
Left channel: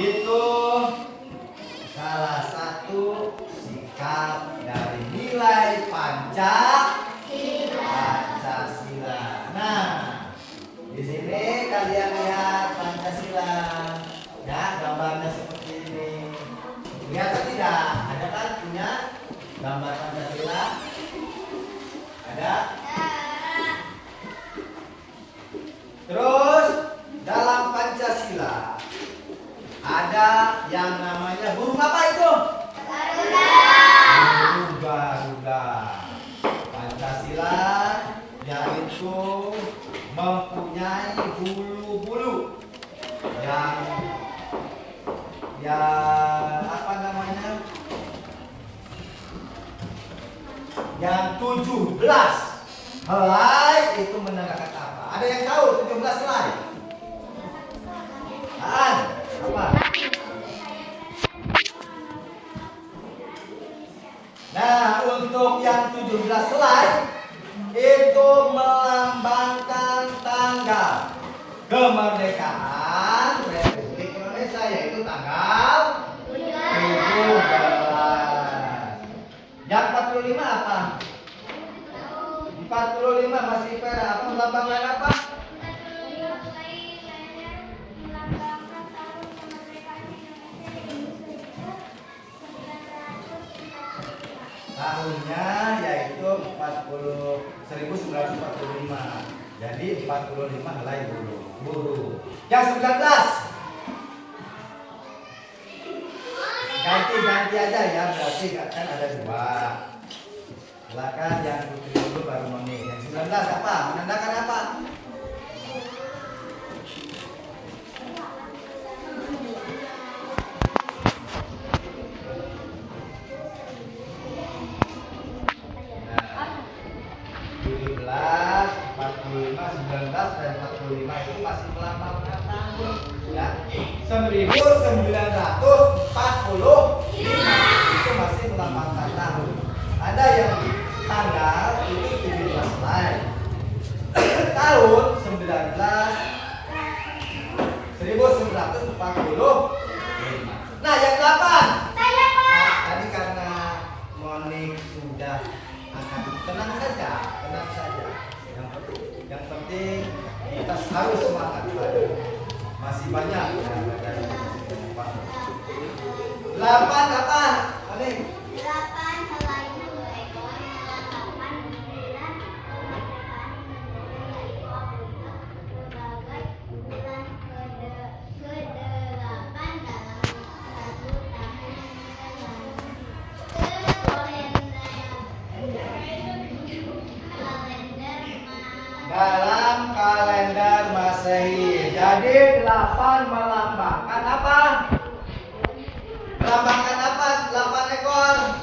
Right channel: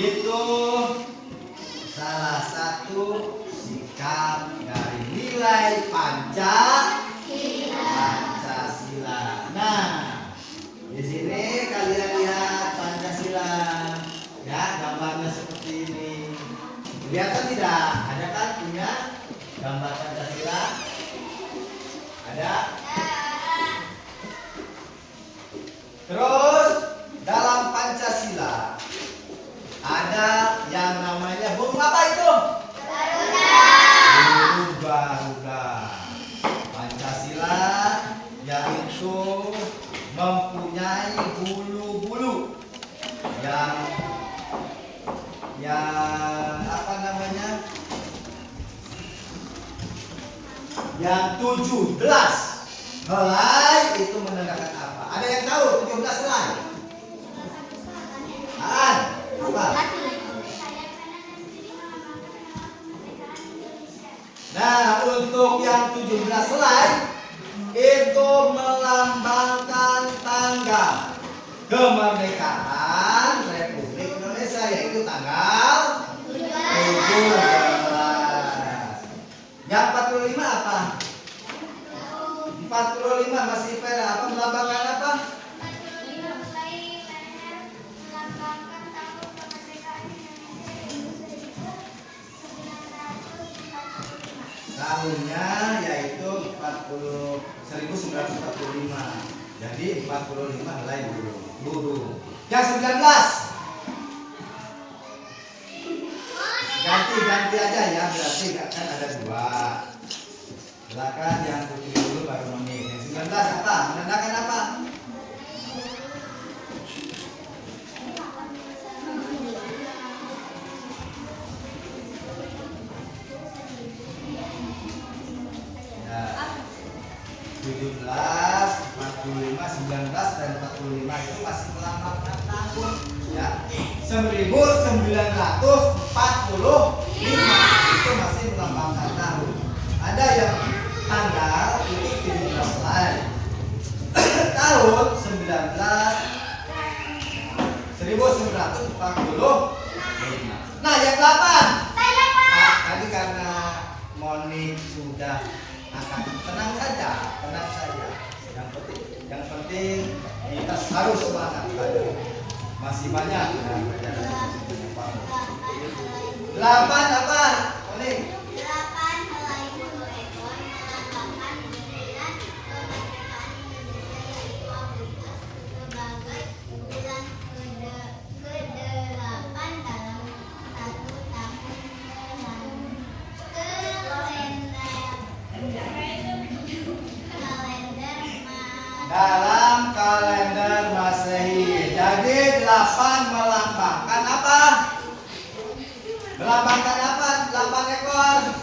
Itu salah satu sikap dari nilai Pancasila. Nah, di sini kalian lihat Pancasila, ya gambarnya seperti ini. Lihat tidak? Ada kan punya gambar Pancasila? Ada? Terus dalam Pancasila ada yang namanya burung apa itu? Burung Garuda. Pancasila yaitu mempunyai bulu-bulu yang apa namanya? Yang 17 helai itu menandakan apa? Ada yang tahu 17 helai? Apa? Tepuk yang 17 selai itu melambangkan tanggal kemerdekaan Republik Indonesia, yaitu tanggal 17. Yang 45 apa? 45 masih pera apa, melambangkan apa? Melambangkan tahun kemerdekaan Indonesia 1945. Tahunnya yaitu 1945. Jadi 45 helai buruh. Yang 19. Ganti aja ya, berarti akan ada 2. Silakan yang putri dulu baru Moni. Yang 19 apa? Menandakan apa? Nah, 17, 45, 19 dan 45 itu masih melambangkan tahun ya. 1945 itu masih melambangkan tahun. Ada yang tanggal ini 17 lain. Tahun 1945. Nah, yang 8. Tadi karena Monik sudah akan tenang saja. Yang penting kita harus semangat. Masih banyak ya pelajaran. 8 apa? Monik. 8 helai buruh ekor melambangkan bulan kemerdekaan Indonesia, yaitu Agustus sebagai bulan ke-8 dalam satu tahun dalam kalender Masehi. Jadi 8 melambangkan apa? Melambangkan apa? 8 ekor.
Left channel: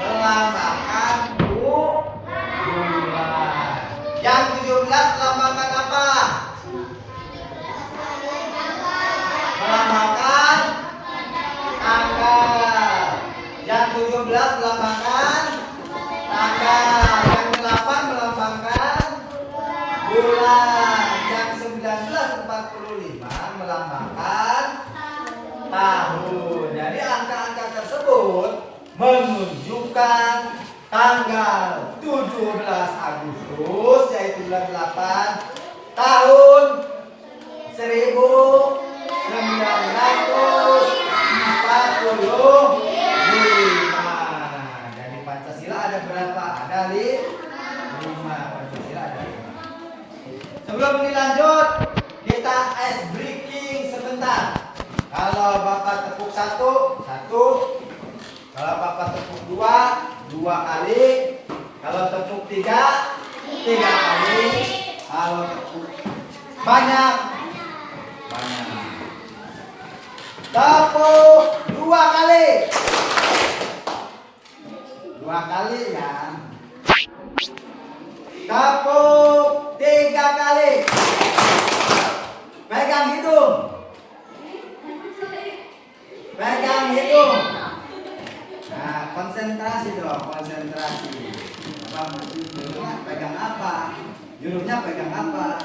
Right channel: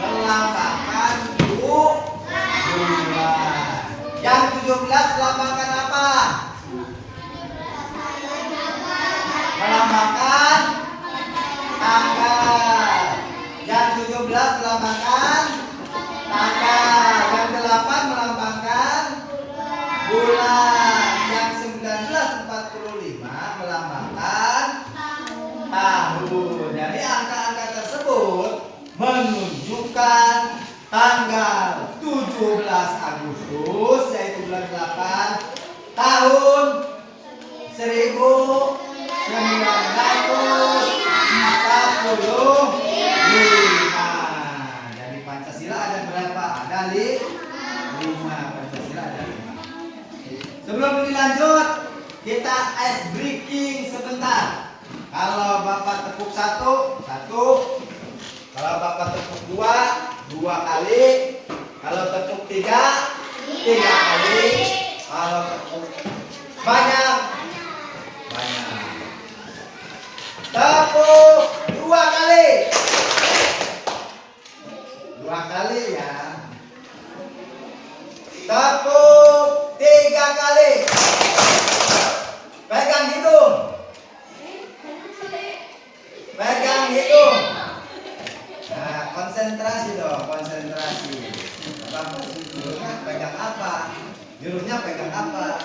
Melambangkan bulan. Yang 17 melambangkan apa? Melambangkan tanggal. Yang 17 melambangkan tanggal. Yang 8 melambangkan bulan. Yang 1945 melambangkan tahun. Jadi angka-angka tersebut menunjukkan tanggal 17 Agustus yaitu bulan 8 tahun 1945. Jadi Pancasila ada berapa? Ada 5. Pancasila ada 5. Sebelum dilanjut, kita ice breaking sebentar. Kalau Bapak tepuk 1, 1. Kalau Bapak tepuk 2, 2 kali. Kalau tepuk 3, 3 kali. Kalau tepuk banyak. Tepuk 2 kali. 2 kali ya. Tepuk 3 kali. Pegang hidung. Nah, konsentrasi dong, konsentrasi. Bapak jurunya pegang apa? Jurunya pegang apa?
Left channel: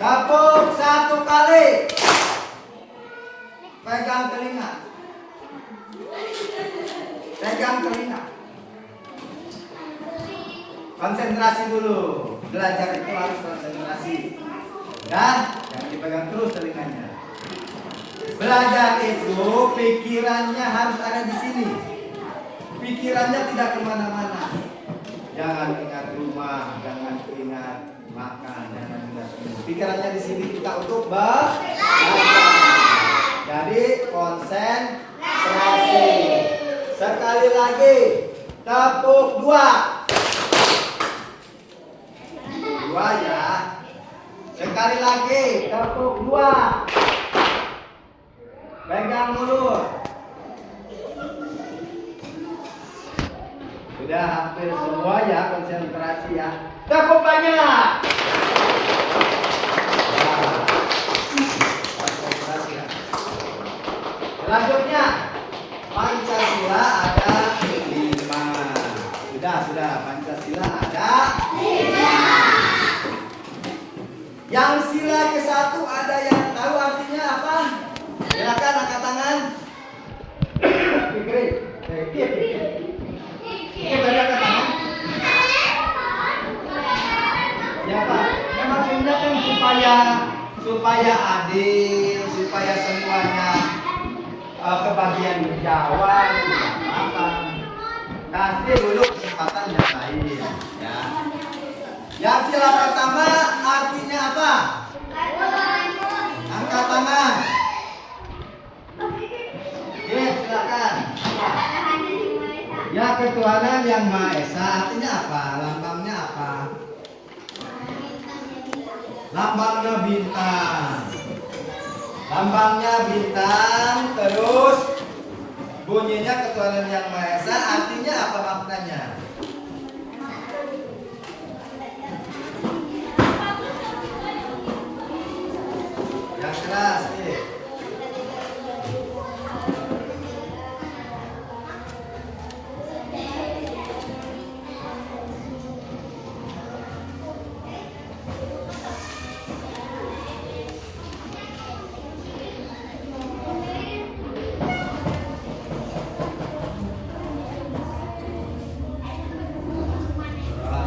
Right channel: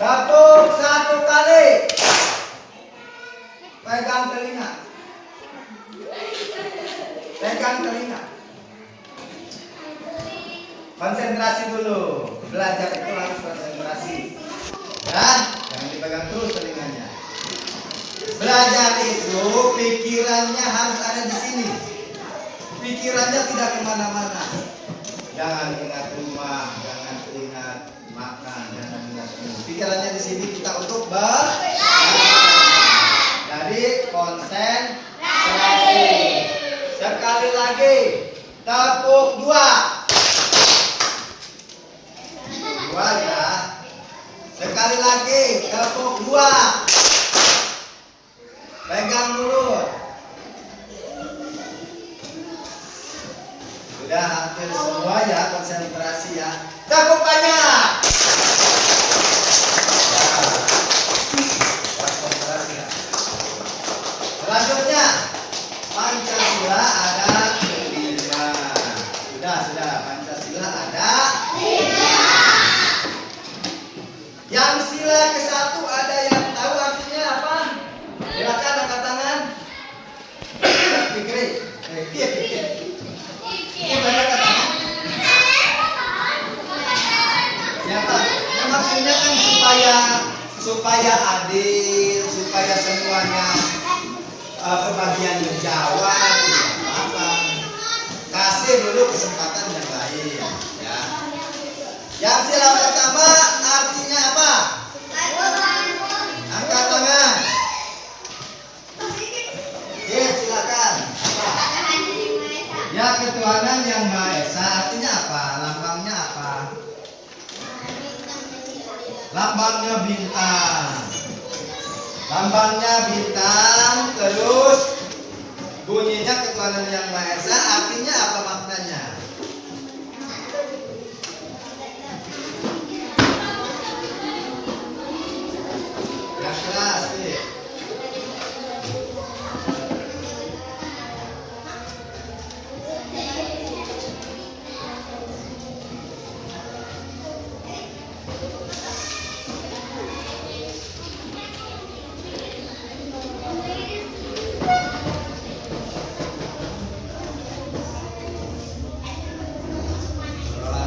Tepuk 1 kali. Pegang telinga. Konsentrasi dulu. Belajar itu harus konsentrasi. Dan jangan dipegang terus telinganya. Belajar itu pikirannya harus ada di sini. Pikirannya tidak kemana-mana. Jangan ingat rumah, jangan ingat makan, jangan ingat minum. Pikirannya di sini kita untuk belajar. Jadi konsentrasi. Sekali lagi, tepuk 2. 2 ya. Sekali lagi, tepuk 2. Pegang mulut. Sudah hampir semua ya, konsentrasi ya. Tepuk banyak. Konsentrasi ya. Selanjutnya, Pancasila. Pancasila ada 5. Sudah. Pancasila ada 5. Yang sila ke-1 ada yang tahu artinya apa? Silakan angkat tangan. Pikir. Ini banyak tangan. Yang maksudnya kan supaya adil, supaya semuanya kebagian menjawab, tidak apa-apa. Kasih dulu kesempatan yang lain, ya. Yang sila pertama artinya apa? Angkat tangan. Oke, silakan. Ya, ketuhanan yang Maha Esa artinya apa? Lambangnya apa? Lambangnya bintang. Lambangnya bintang, terus bunyinya ketuhanan yang Maha Esa artinya apa maknanya? Yang keras, nih.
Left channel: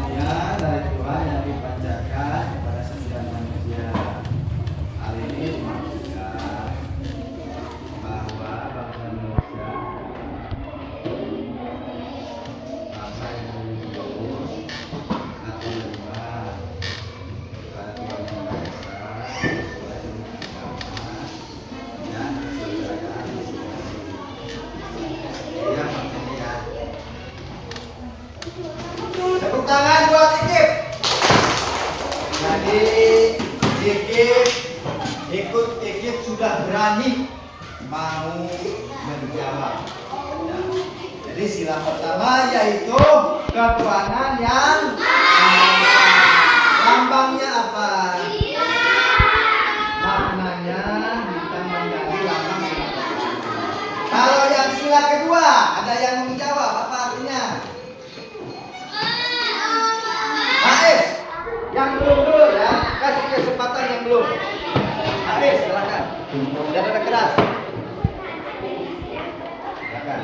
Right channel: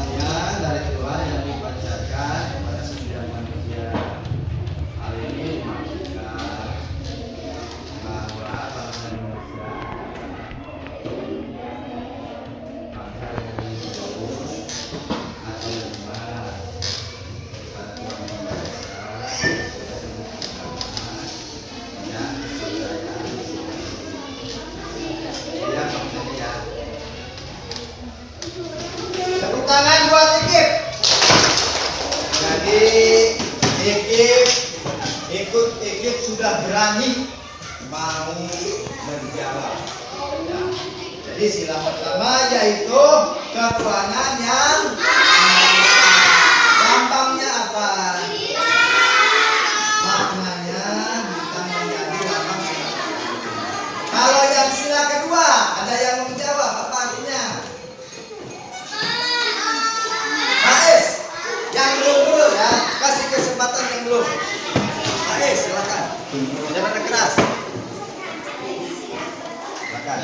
Perolahan dari Tuhan yang dipanjatkan kepada setiap manusia. Hal ini dimaksudkan bahwa bangsa Indonesia bangsa yang religius atau beriman kepada Tuhan yang Maha Esa sesuai dengan keagamaan dan kebudayaan yang maksudnya. Tepuk tangan buat Ikip. Jadi Ikip sudah berani mau menjawab. Ya. Jadi sila pertama yaitu ketuhanan yang Maha Esa. Lambangnya apa? Maknanya bintang menjadi lambang. Kalau yang sila kedua ada yang menjawab apa artinya? Ais, yang belum dulu ya, kasih kesempatan yang belum. Ais, silakan. Jangan ada keras. Silakan.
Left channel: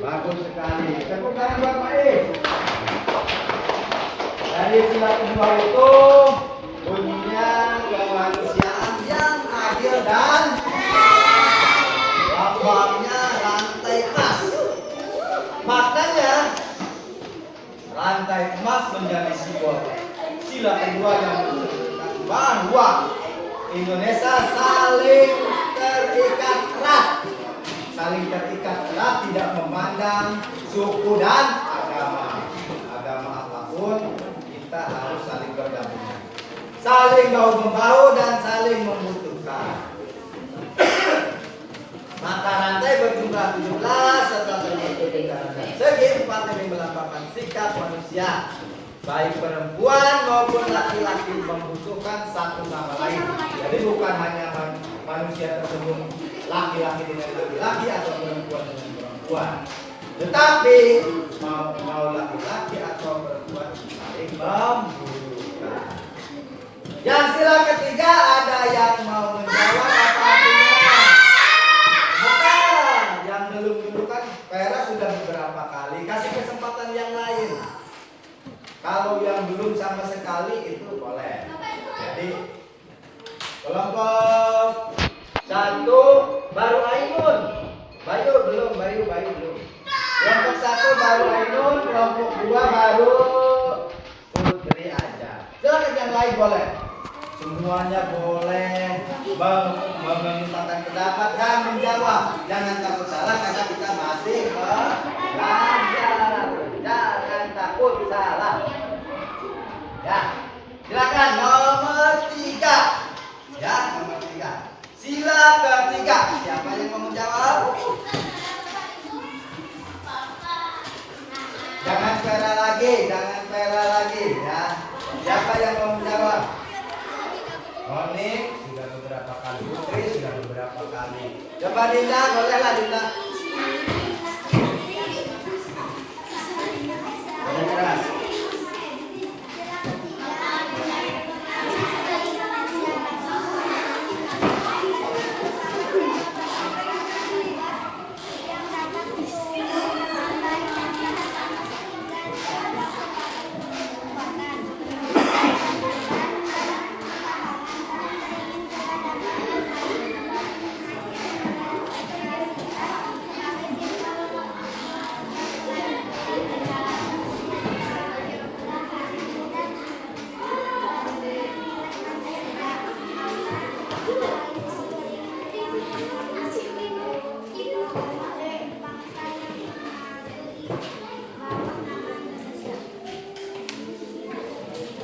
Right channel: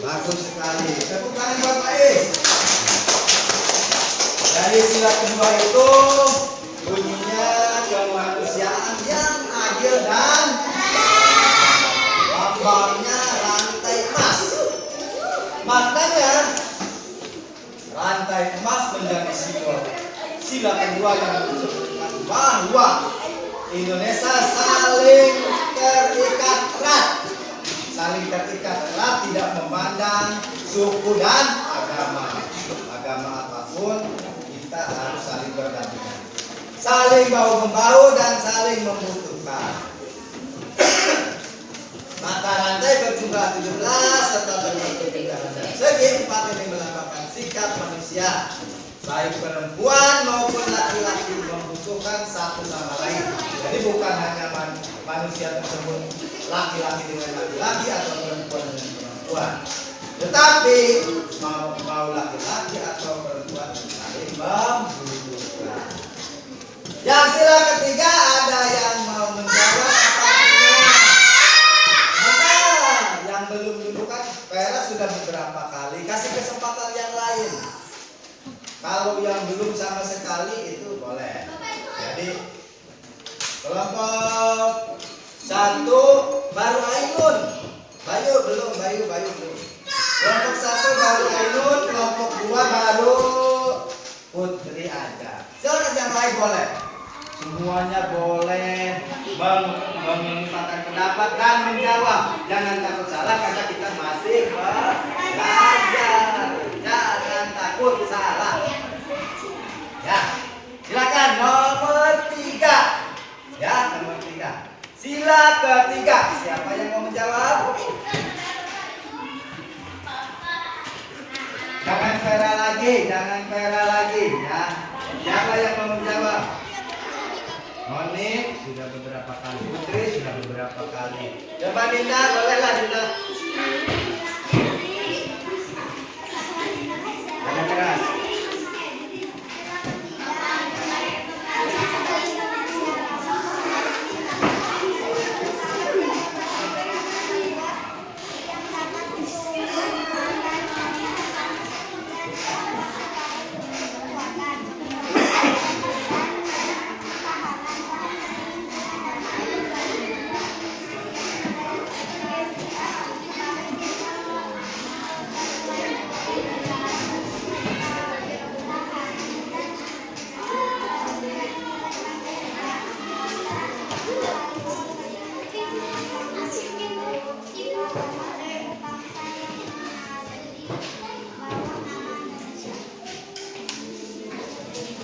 Bagus sekali. Tepuk tangan buat Ais. Dari sila kedua itu bunyinya kemanusiaan yang adil dan lambangnya rantai emas. Maknanya rantai emas menjadi simbol sila kedua yang menunjukkan bahwa Indonesia saling terikat erat. Saling terikat erat, tidak memandang suku dan agama. Agama apapun kita harus saling berdampingan, saling bahu membahu dan saling membutuhkan. Maka rantai berjumlah 17 serta terbentuk lingkaran dan segi 4 ini melambangkan sikap manusia, baik perempuan maupun laki-laki membutuhkan satu sama lain. Jadi bukan hanya manusia tersebut laki-laki dengan laki-laki atau perempuan dengan perempuan, tetapi mau laki-laki atau perempuan saling membutuhkan. Yang sila ketiga ada yang mau menjawab apa artinya? Bukan, yang belum dulu kan Vera sudah beberapa kali. Kasih kesempatan yang lain. Kalau yang belum sama sekali itu boleh. Jadi kelompok 1 baru Ainun. Bayu belum. Kelompok 1 baru Ainun, kelompok 2 baru lain boleh. Semuanya boleh mengungkapkan pendapat dan menjawab. Jangan takut salah karena kita masih belajar. Jangan takut salah. Ya, silakan nomor 3. Ya, nomor 3. Sila ketiga. Siapa yang mau menjawab? Jangan pera lagi, ya. Siapa yang mau menjawab? Monik sudah beberapa kali, Putri sudah beberapa kali. Coba Dinda, bolehlah Dinda. Ada keras.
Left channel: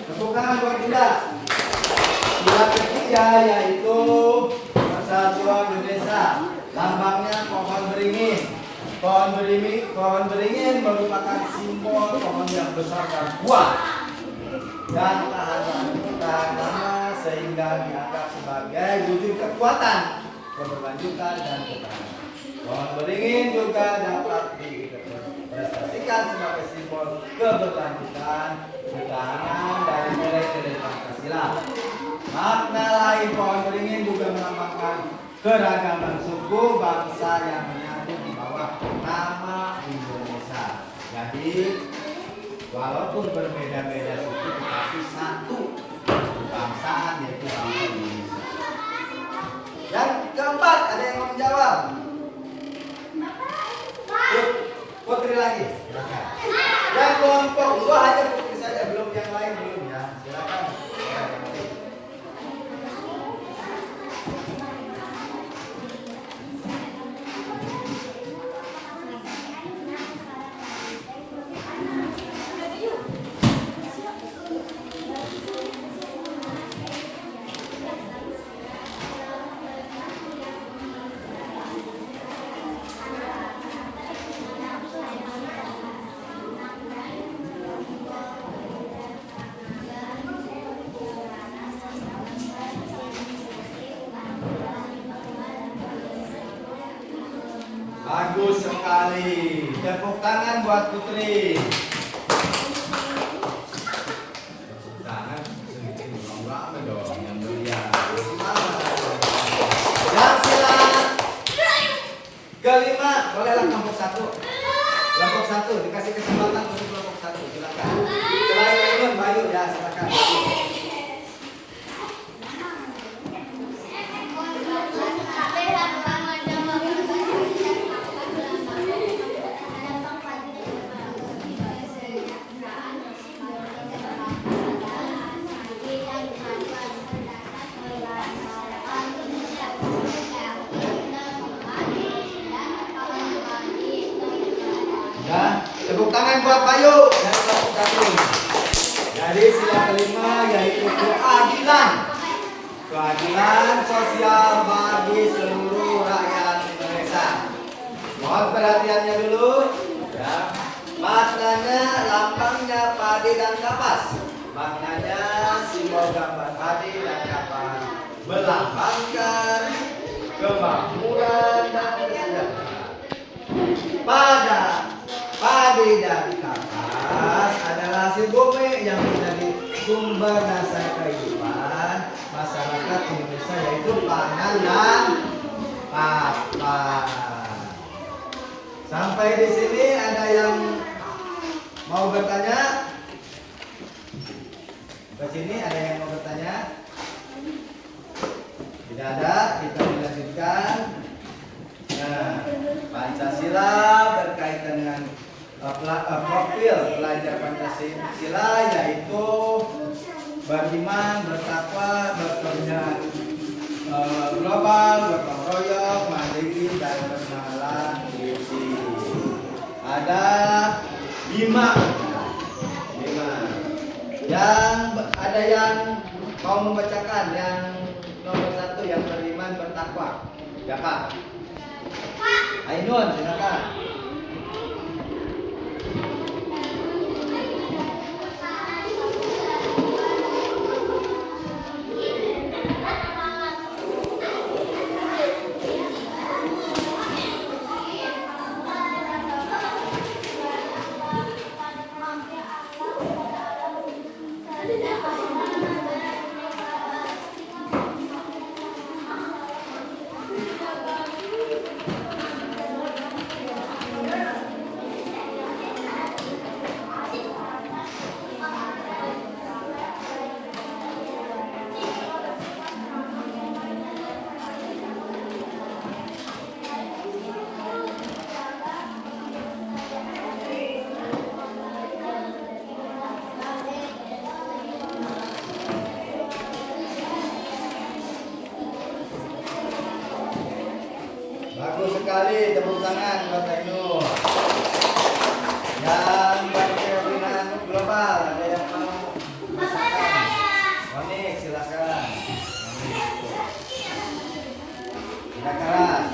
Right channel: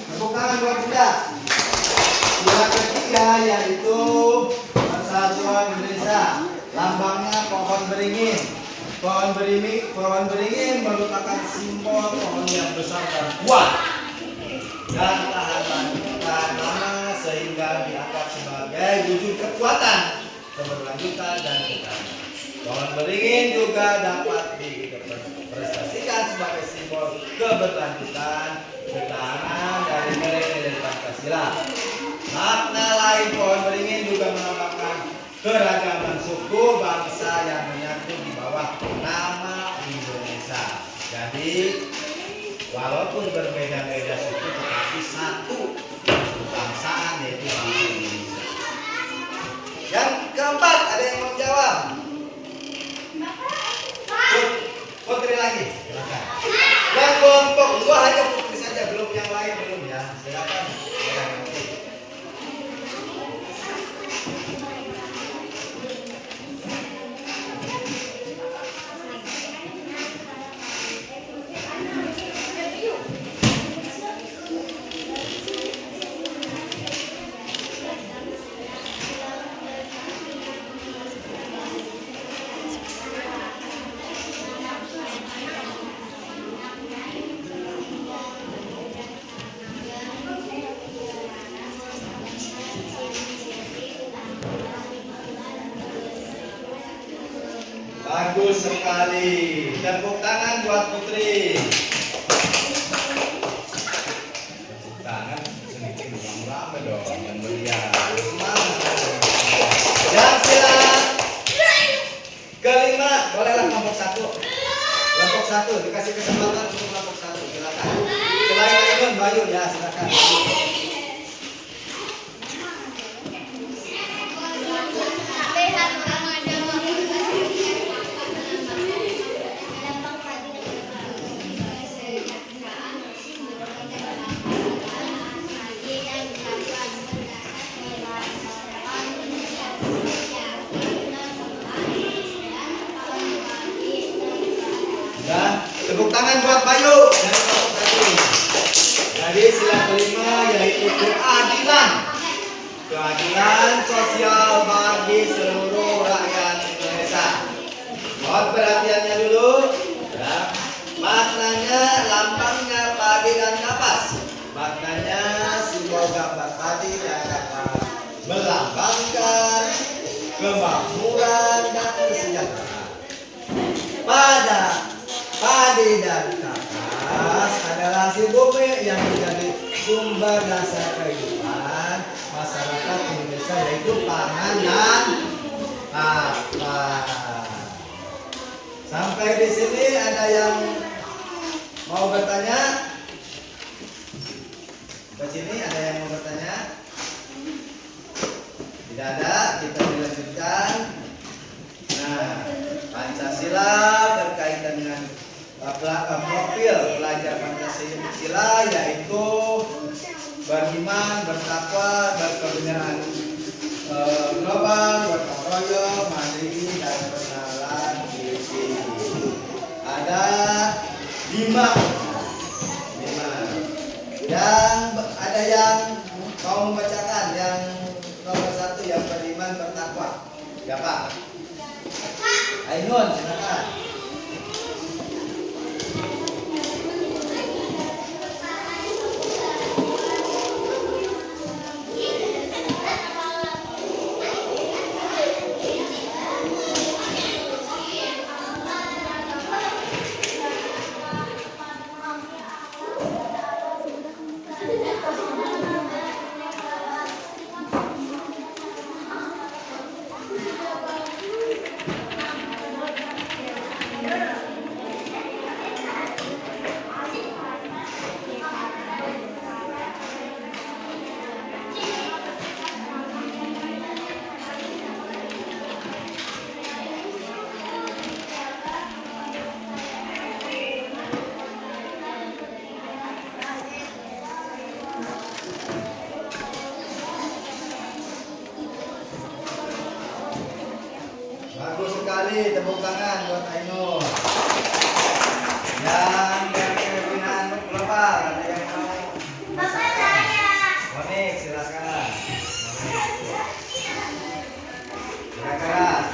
Tepuk tangan buat Dinda. Sila ketiga yaitu Persatuan Indonesia. Lambangnya pohon beringin. Pohon beringin merupakan simbol pohon yang besar dan kuat dan tahan lama sehingga dianggap sebagai wujud kekuatan, keberlanjutan dan ketahanan. Pohon beringin juga dapat dipresentasikan sebagai simbol keberlanjutan, ketahanan dari nilai-nilai Pancasila. Makna lain pohon beringin juga melambangkan keragaman suku bangsa yang menyatu di bawah nama Indonesia. Jadi walaupun berbeda-beda suku tetapi satu kebangsaan yaitu bangsa Indonesia. Yang keempat, ada yang mau menjawab? Putri lagi, silakan. Dan kelompok 2 hanya Putri saja, belum yang lain belum ya. Silakan. Bagus sekali. Tepuk tangan buat Putri. Tepuk tangan sedikit rame dong yang meriah. Semangat. Dan sila kelima, bolehlah kelompok 1. Kelompok 1 dikasih kesempatan untuk kelompok 1. Silakan. Selain itu Bayu ya, silakan. Tepuk tangan buat Bayu dari kelompok 1. Jadi sila kelima yaitu keadilan. Keadilan sosial bagi seluruh rakyat Indonesia. Mohon perhatiannya dulu. Ya. Maknanya lambangnya padi dan kapas. Maknanya simbol gambar padi dan kapas melambangkan kemakmuran dan kesejahteraan. Pada padi dan kapas adalah hasil bumi yang menjadi sumber dasar kehidupan masyarakat Indonesia, yaitu pangan dan papan. Sampai di sini ada yang mau bertanya? Ke sini ada yang mau bertanya? Tidak ada, kita lanjutkan. Nah, Pancasila berkaitan dengan profil belajar Pancasila yaitu beriman, bertakwa, berkebenaran global, gotong royong, mandiri, dan kenalan diri. Ada 5. Yang ada yang mau membacakan yang nomor 1 yang beriman, bertakwa. Siapa? Ainun, silakan. Bagus sekali, tepuk tangan buat Ainun. Yang berkeyakinan global, ada yang mau? Bapak saya. Monik, silakan. Keras.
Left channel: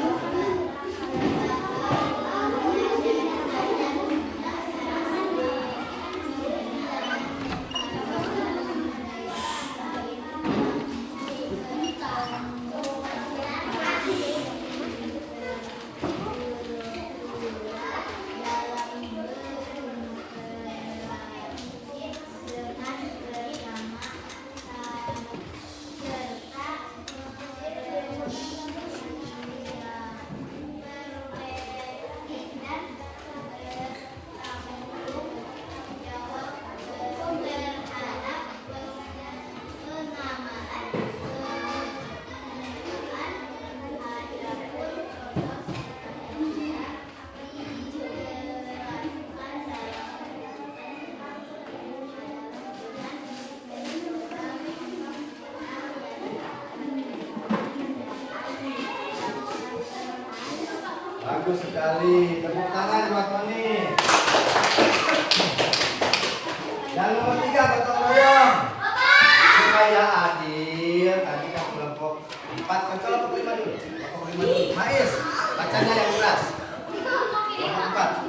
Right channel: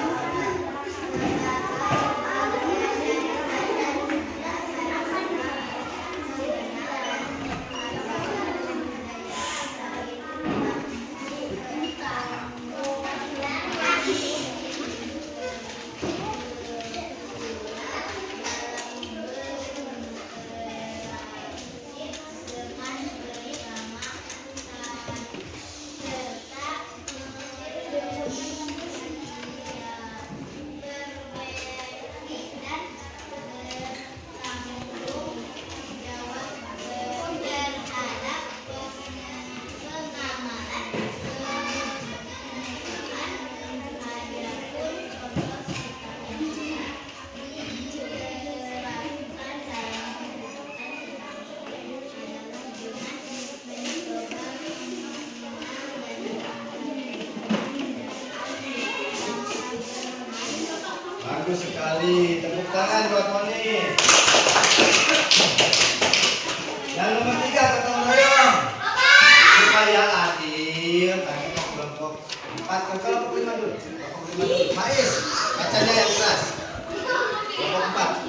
Bagus sekali, tepuk tangan buat Moni. Yang nomor 3 gotong royong. Supaya adil, tadi kan kelompok 4 kan kelompok 5 dulu. Kelompok 5 dulu. Hais, bacanya yang keras. Kelompok 4.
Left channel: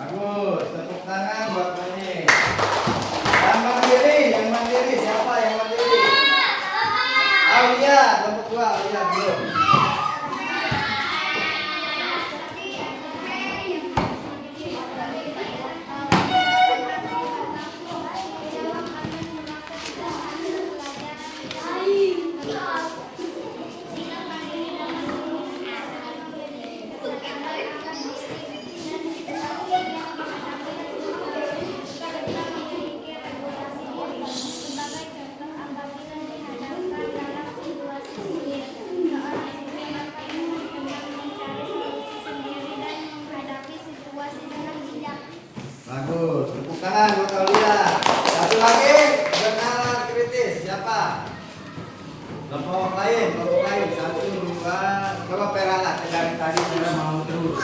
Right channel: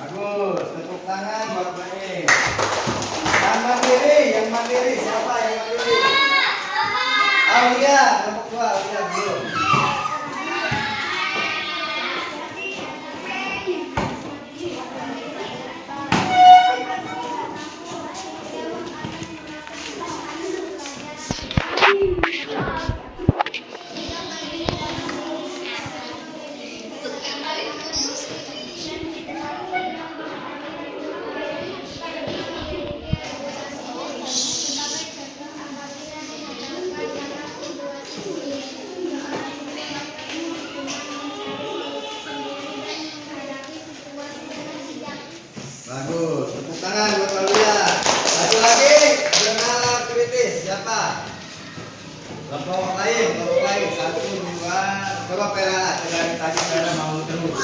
Bagus, tepuk tangan buat Moni. Yang mandiri, siapa yang mandiri? Aulia, kelompok 2, Aulia belum. Bagus, tepuk tangan buat Aulia. Satu lagi, benar kritis, siapa? Kelompok lain, 1, 2, coba peralat dari tadi pada mau terus.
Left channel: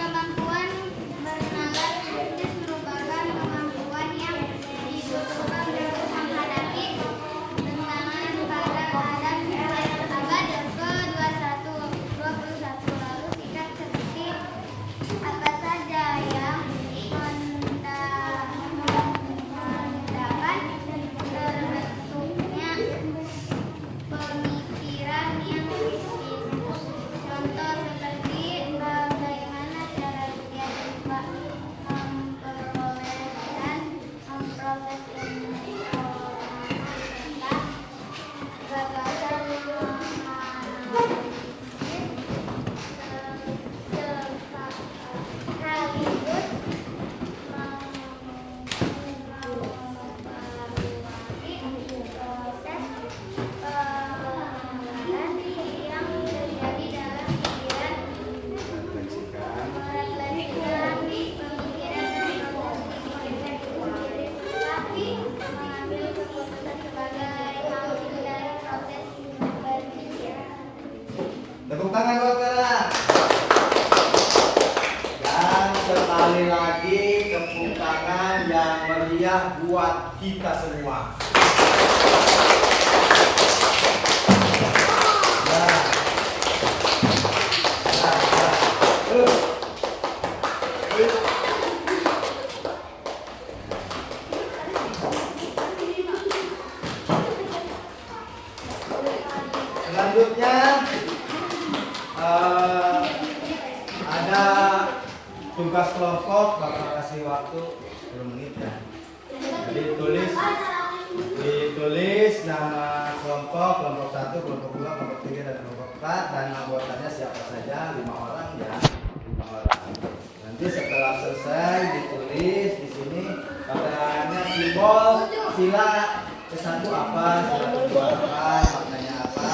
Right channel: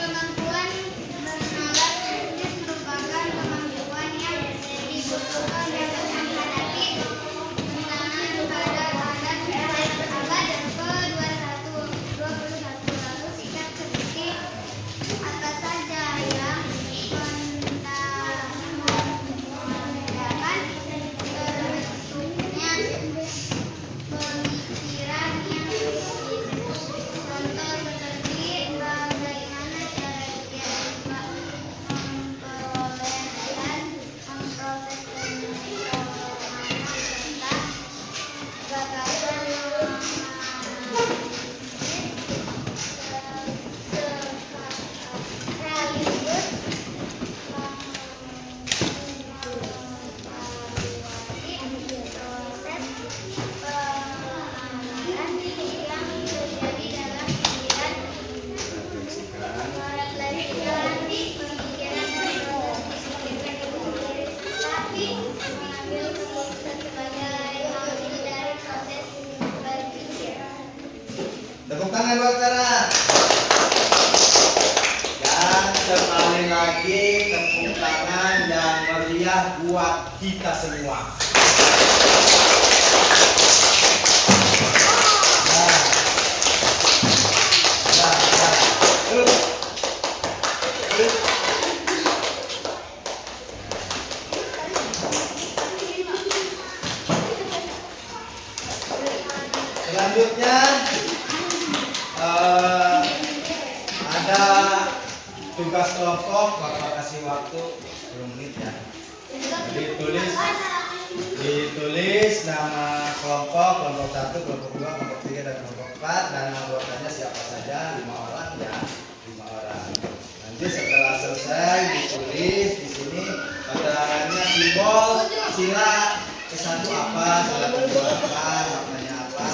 Kemampuan bernalar kritis merupakan kemampuan yang dibutuhkan dalam menghadapi tantangan hadiah buat kita semua. Selanjutnya ada tugas kelompok, Bapak kasih waktu 10 menit ya. Jadi ditulis nama kelompok 1, kelompok 2, kelompok 3 dan kelompok 4 dan anggotanya siapa saja, 5 orang ya, 5 orang. Nanti setelah selesai ditulis di sini katanya simbol sila ke-1 apa, sila ke-2 apa, maknanya apa.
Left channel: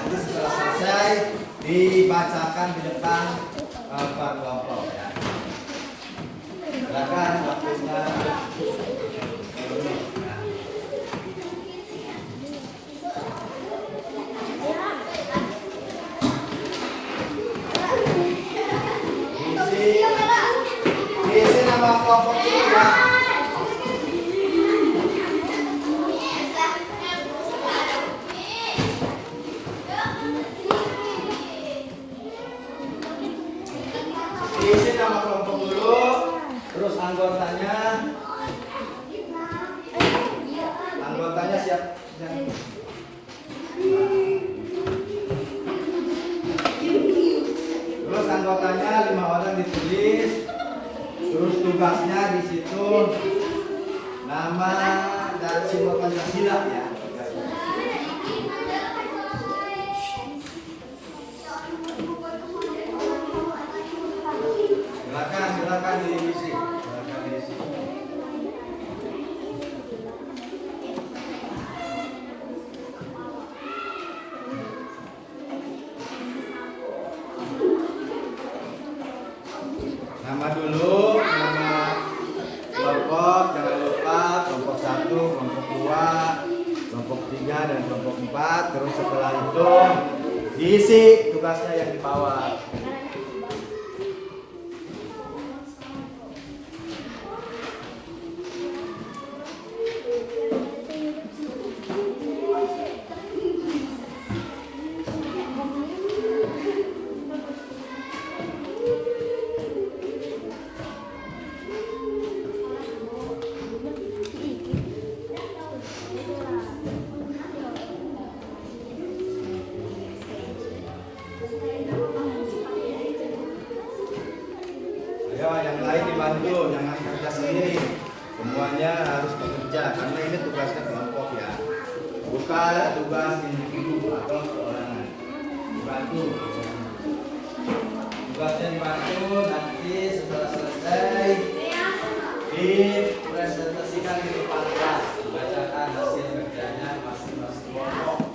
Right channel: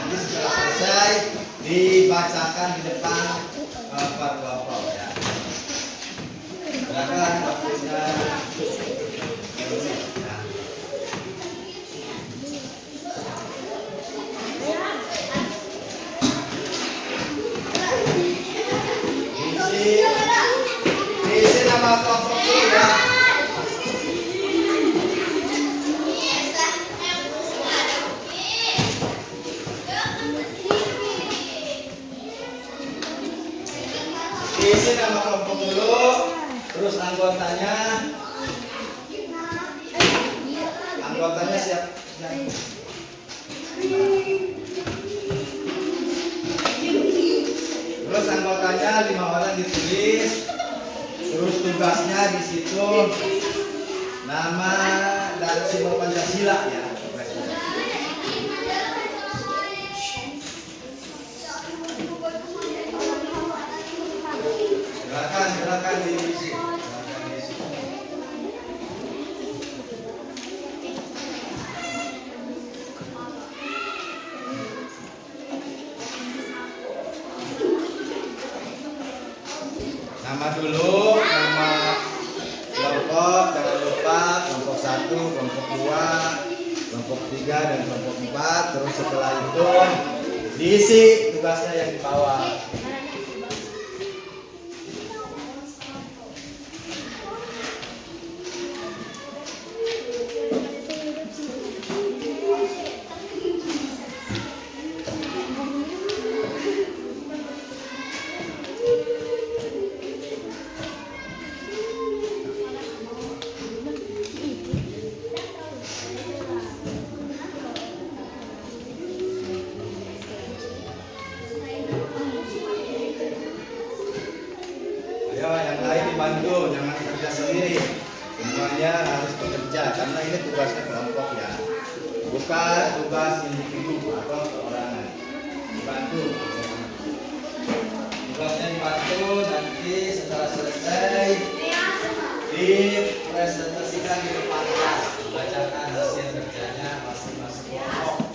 Nanti setelah selesai dibacakan di depan per kelompok ya. Silakan waktunya. Diisi nama kelompok ini ya. Diisi nama kelompok dulu, terus anggotanya siap. Terus anggotanya 5 orang ditulis, terus tugasnya di situ nama dan simbol Pancasila ya. Silakan diisi. Nama dulu, nama kelompok, jangan lupa kelompok 1, kelompok 2, kelompok 3 dan kelompok 4. Terus setelah itu diisi tugasnya yang di bawah. Ya, yang lain dibantu, jangan kerja sendiri. Semuanya harus bekerja karena ini tugasnya kelompok ya, bukan tugas individu atau perorangan. Dibantu. Tugasnya dibantu, nanti setelah selesai dipresentasikan di depan kelas, bacakan hasil kerjanya masing-masing kelompok.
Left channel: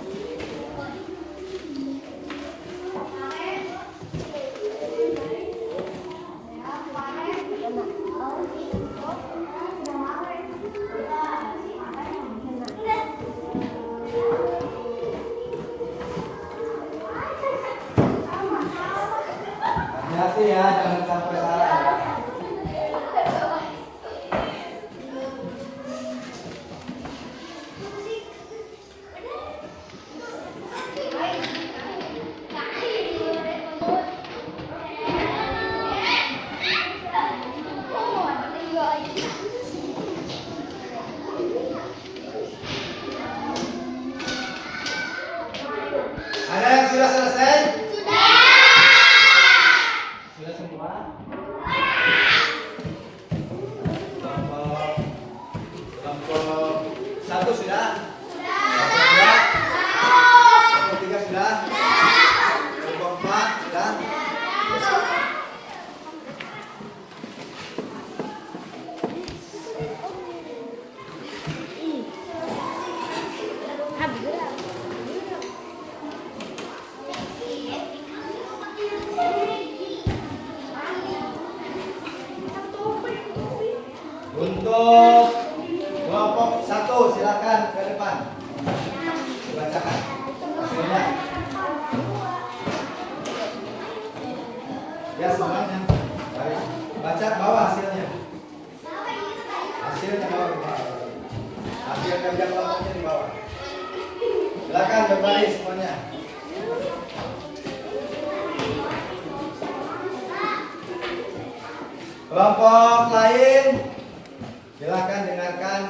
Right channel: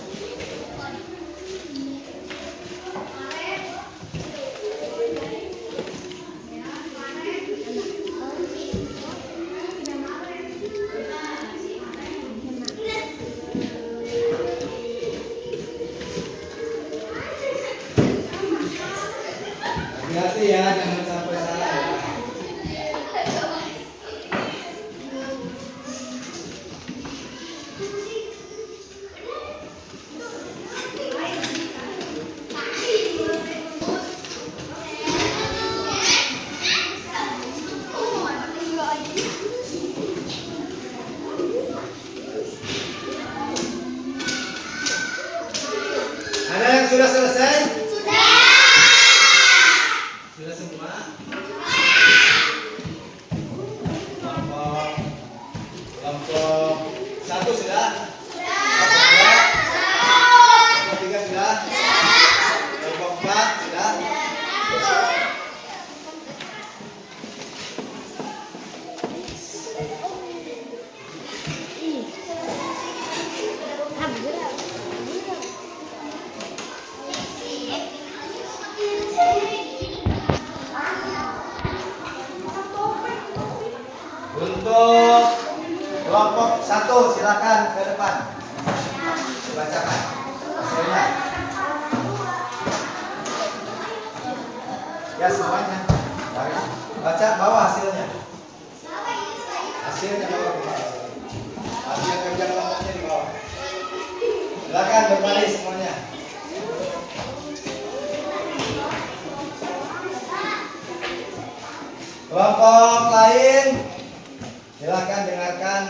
Hati-hati ya, jangan sampai salah ya. Ada yang sudah selesai? Sudah semua? Kelompok 1 sudah? Kelompok 2? Kelompok 3 sudah? Kelompok 4 sudah? Untuk kelompok 1 silakan ke depan. Bacakan hasilnya. Ya semuanya. Baca bawa hasilnya. Hasilnya bawa. berbaris semuanya. Kelompok lain, silakan dengarkan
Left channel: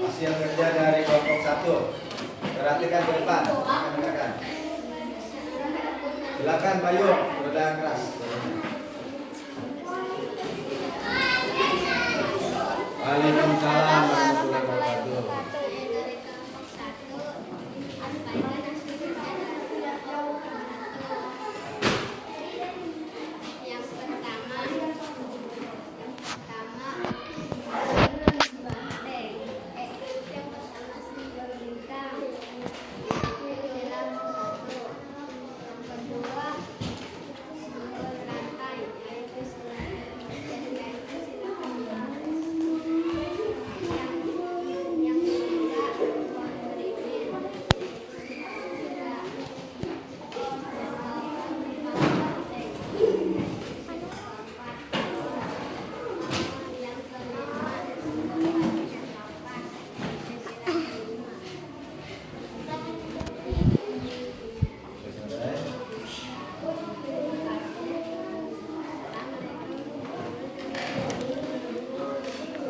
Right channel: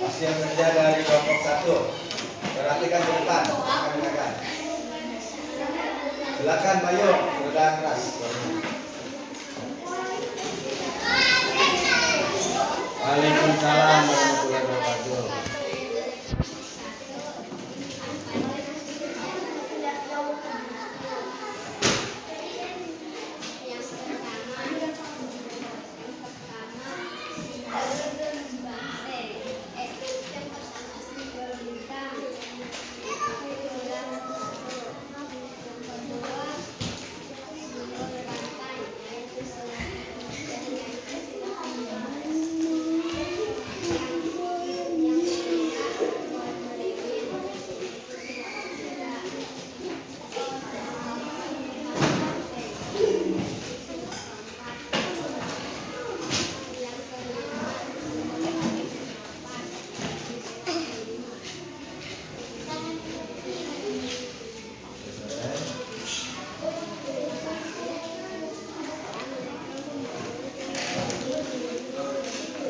hasil kerja dari kelompok 1. Perhatikan ke depan, silakan dengarkan. Silakan Bayu, berulang keras. Waalaikumsalam warahmatullahi wabarakatuh.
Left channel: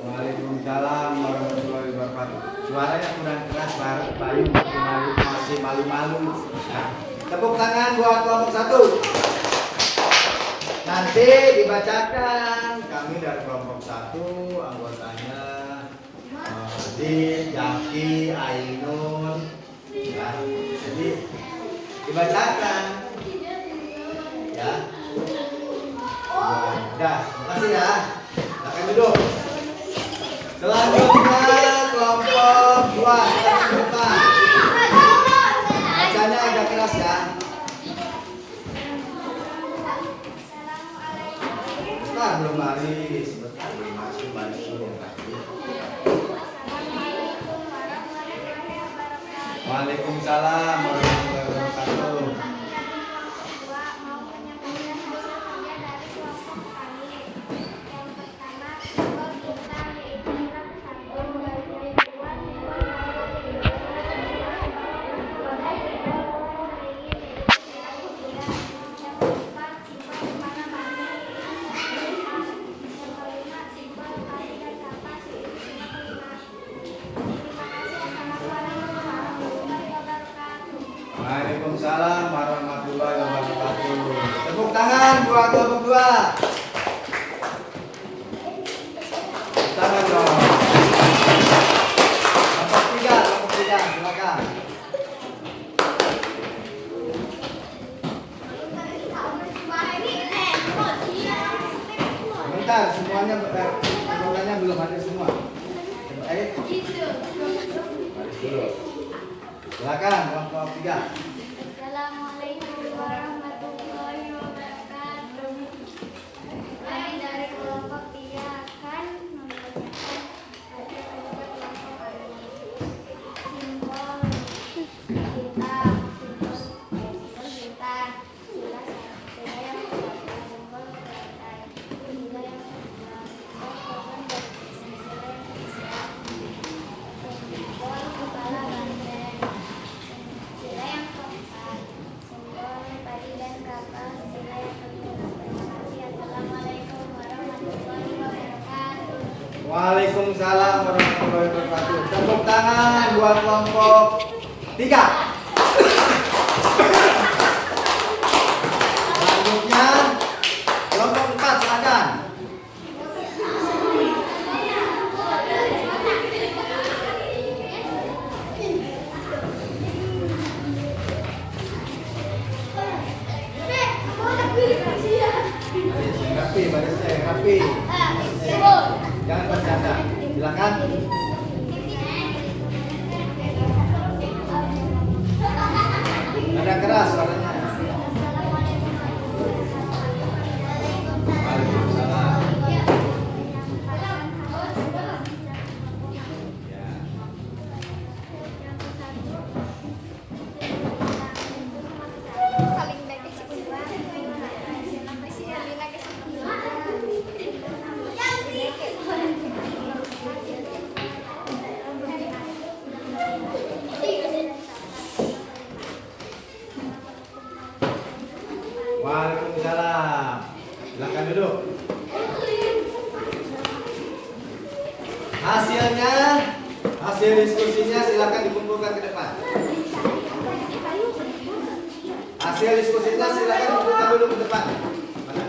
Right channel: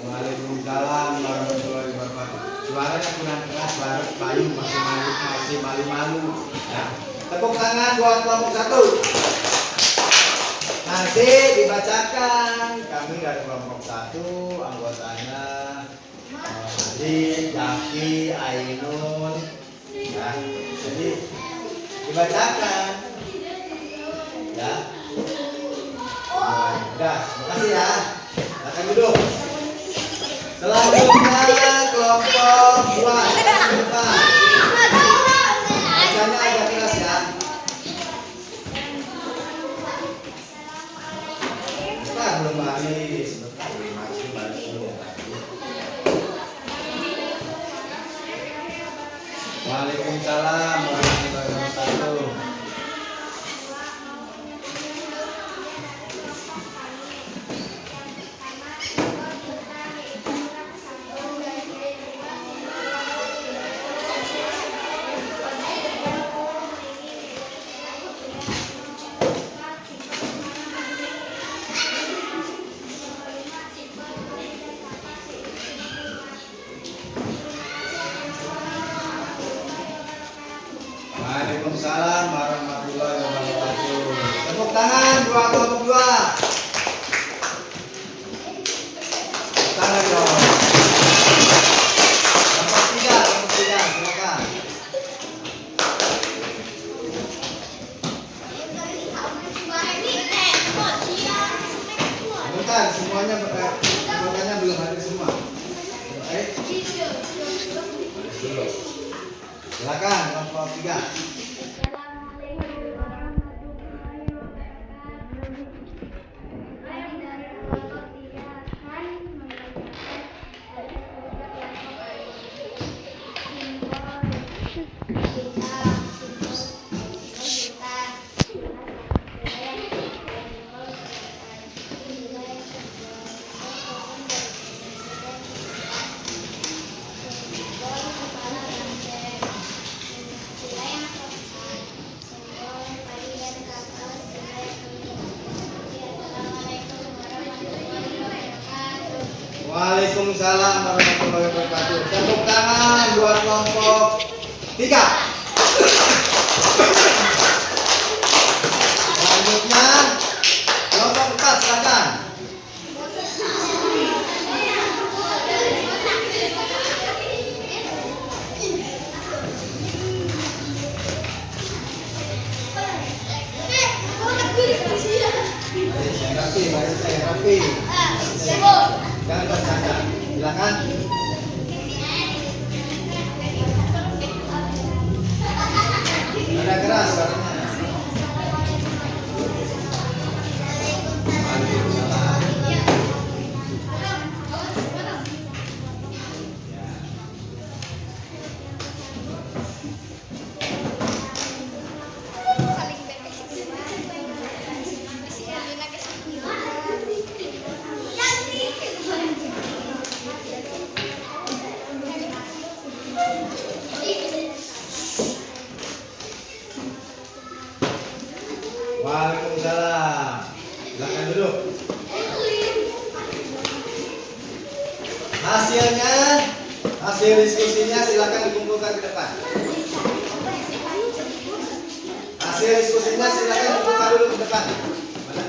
Waalaikumsalam warahmatullahi wabarakatuh. Suaranya kurang keras, suara Bayu masih malu-malu. Nah, tepuk tangan buat kelompok 1. Nanti dibacakan kami dari kelompok 1 anggotanya Adit, Jaki, Ainun. Ya, jadi dibacakan. Ya. Udah, makasih ya. Silakan duduk. Selanjutnya kelompok 2. Bacanya agak keras ya. Bentar belum baris, baris dulu. Waalaikumsalam warahmatullahi wabarakatuh. Waalaikumsalam warahmatullahi wabarakatuh. Tepuk tangan buat kelompok 2. Tepuk tangan dong. Kelompok 3, silakan. Bentar, semuanya anggotanya belum hadir semua. Ayo. Hadir dulu. Silakan kelompok 3. Assalamualaikum warahmatullahi wabarakatuh. Kami dari kelompok 3 akan membacakan ada kelompok kelompok simbol bintang, simbol bintang, sila yang simbol rantai, sila yang kedua simbol pohon dan sila yang ketiga simbol kepala banteng. Sila yang keempat, simbol padi dan kapas. Sila yang kelima. Terima kasih. Assalamualaikum warahmatullahi wabarakatuh. Waalaikumsalam warahmatullahi wabarakatuh. Tepuk tangan buat kelompok 3. Selanjutnya kelompok 4, silakan. Barisnya yang rapi. Jangan bercanda. Silakan. Nada keras suaranya. Waalaikumsalam. Waalaikumsalam. Silakan duduk. Hasil diskusinya silakan dikumpulkan ke depan. Hasil diskusinya silakan dikumpulkan dulu ke depan. Mana?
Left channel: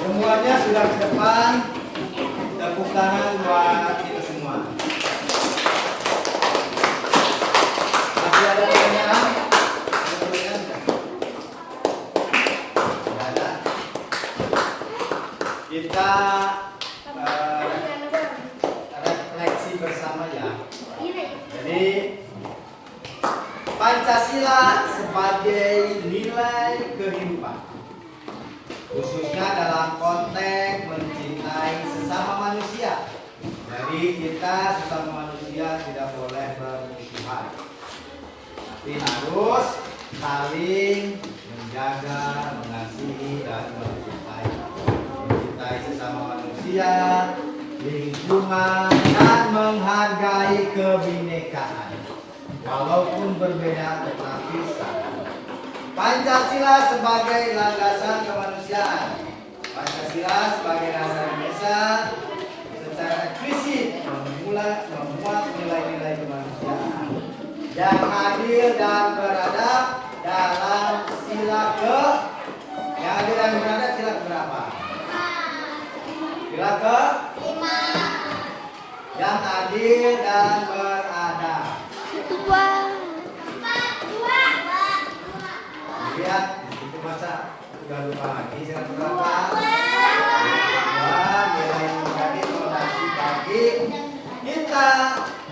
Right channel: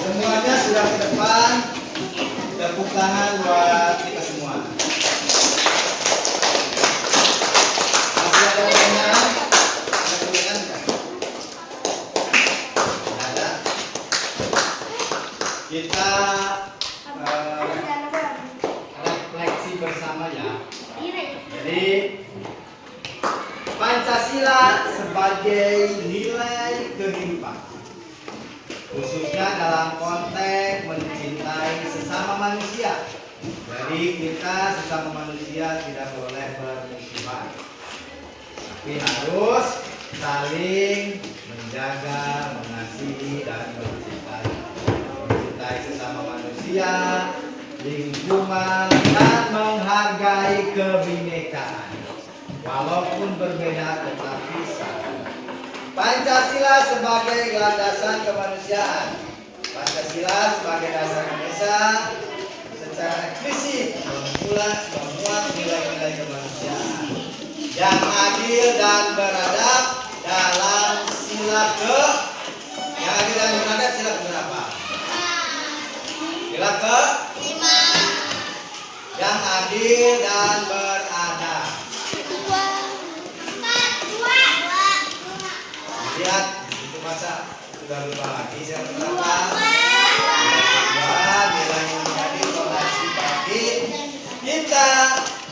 Semuanya sudah ke depan. Tepuk tangan buat kita semua. Masih ada pertanyaan? Ada pertanyaan nggak? Nggak ada. Kita refleksi bersama ya. Jadi Pancasila sebagai nilai kehidupan, khususnya dalam konteks mencintai sesama manusia. Jadi kita sesama manusia tidak boleh bermusuhan, tapi harus saling menjaga, mengasihi dan mencintai sesama manusia, lingkungan, dan menghargai kebinekaan walaupun berbeda tetapi sama. Pancasila sebagai landasan kemanusiaan. Pancasila sebagai dasar Indonesia secara eksplisit memuat nilai-nilai kemanusiaan yang adil dan beradab dalam sila ke yang adil dan beradab sila berapa? Sila ke 5. Yang adil dan beradab. 2. Lihat itu baca sudah lupa lagi siapa berapa? Nilai menjadi fondasi bagi kita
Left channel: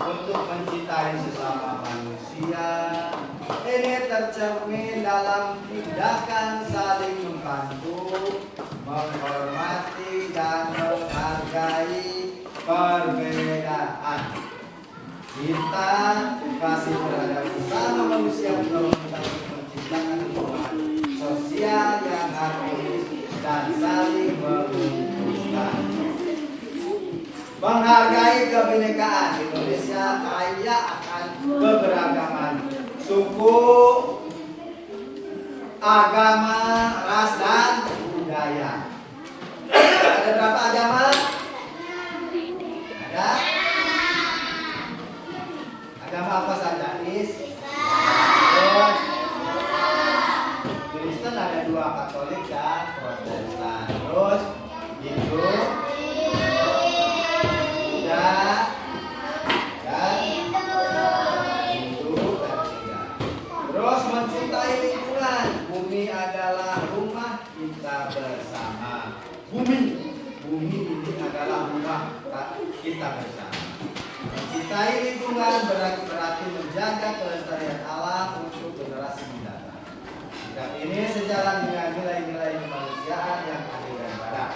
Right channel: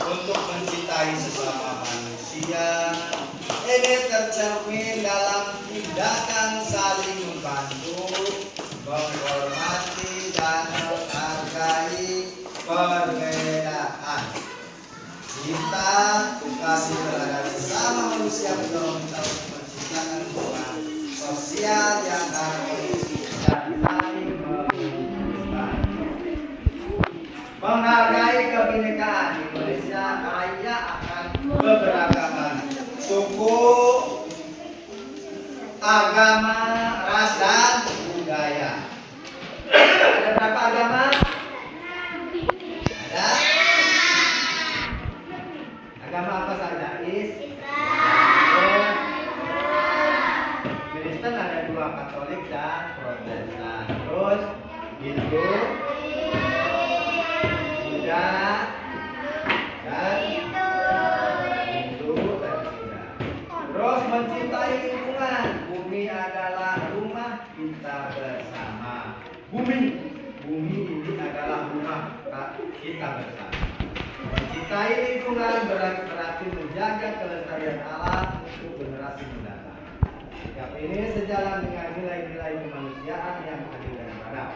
untuk mencintai sesama manusia. Ini tercermin dalam tindakan saling membantu, menghormati dan menghargai perbedaan. Cinta, kasih terhadap sesama manusia menolong kita menciptakan hubungan sosial yang harmonis dan saling menguntungkan. Menghargai kebinekaan. Indonesia kaya akan keberagaman suku, agama, ras dan budaya. Ada berapa agama? Ada? Agama apa saja? Kristen ada 2, Katolik dan Protestan. Terus Hindu, Buddha, dan Buddha. Terus mencintai lingkungan. Bumi adalah rumah kita bersama. Bumi ini adalah rumah kita bersama. Mencintai lingkungan berarti menjaga kelestarian alam untuk generasi mendatang. Sikap ini sejalan dengan nilai-nilai kemanusiaan yang adil dan beradab.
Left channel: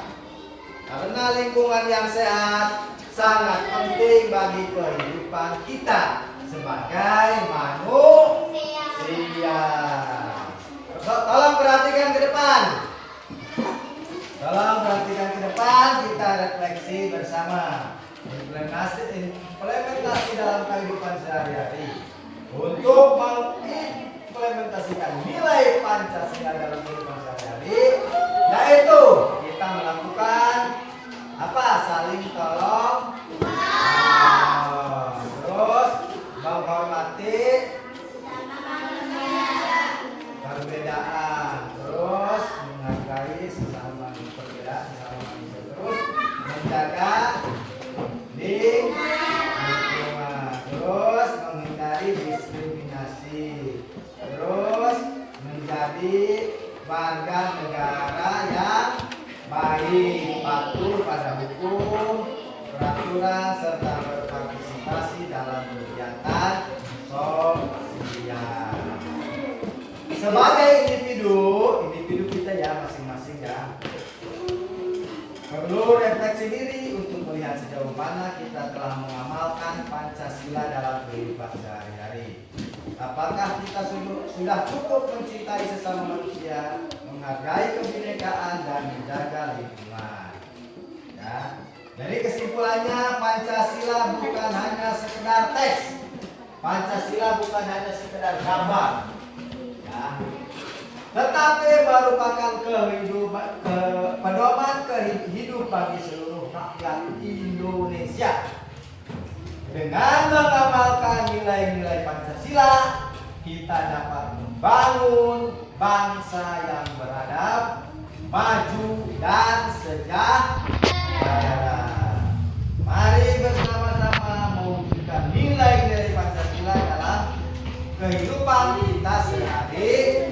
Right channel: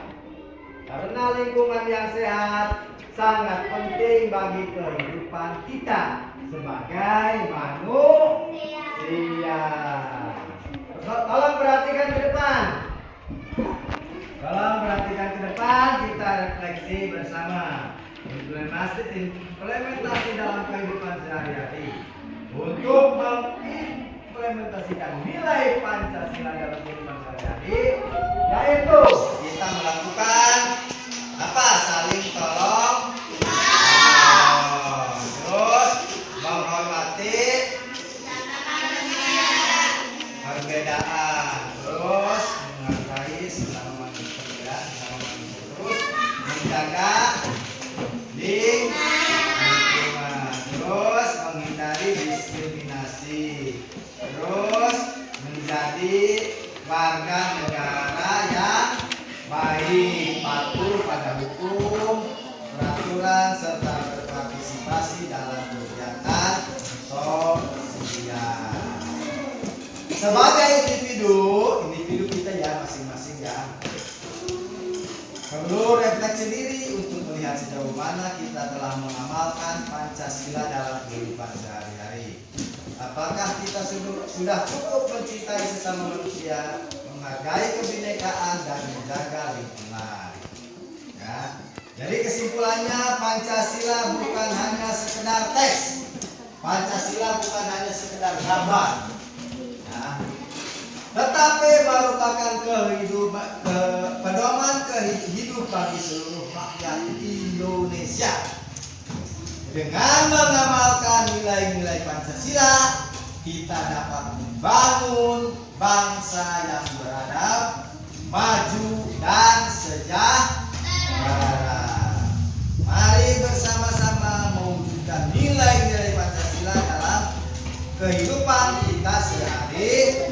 Karena lingkungan yang sehat sangat penting bagi kehidupan kita sebagai manusia. Tolong perhatikan ke depan. Kita refleksi bersama. Implementasi dalam kehidupan sehari-hari untuk mengimplementasikan nilai Pancasila dalam kehidupan sehari-hari, yaitu kita melakukan apa? Saling tolong, terus menghormati perbedaan, terus menghargai sesama manusia, terus menjaga lingkungan, terus menghindari diskriminasi, terus menjadi warga negara yang baik, patuh pada hukum, peraturan, serta berpartisipasi dalam kegiatan sosial. Sebagai individu kita ya masing-masing ya perlu refleksi diri untuk melihat sejauh mana kita telah mengamalkan Pancasila dalam kehidupan sehari-hari. Apakah kita sudah cukup mencintai sesama manusia, menghargai kebinekaan dan menjaga lingkungan? Ya. Jadi kesimpulannya Pancasila bukan hanya sekedar teks. Pancasila bukan hanya sekedar gambar. Ya. Tetapi merupakan pedoman kehidupan bagi seluruh rakyat Indonesia. Dengan mengamalkan nilai-nilai Pancasila, kita dapat membangun bangsa yang beradab, maju dan sejahtera. Mari bersama-sama mewujudkan nilai-nilai Pancasila dalam kehidupan kita sehari-hari.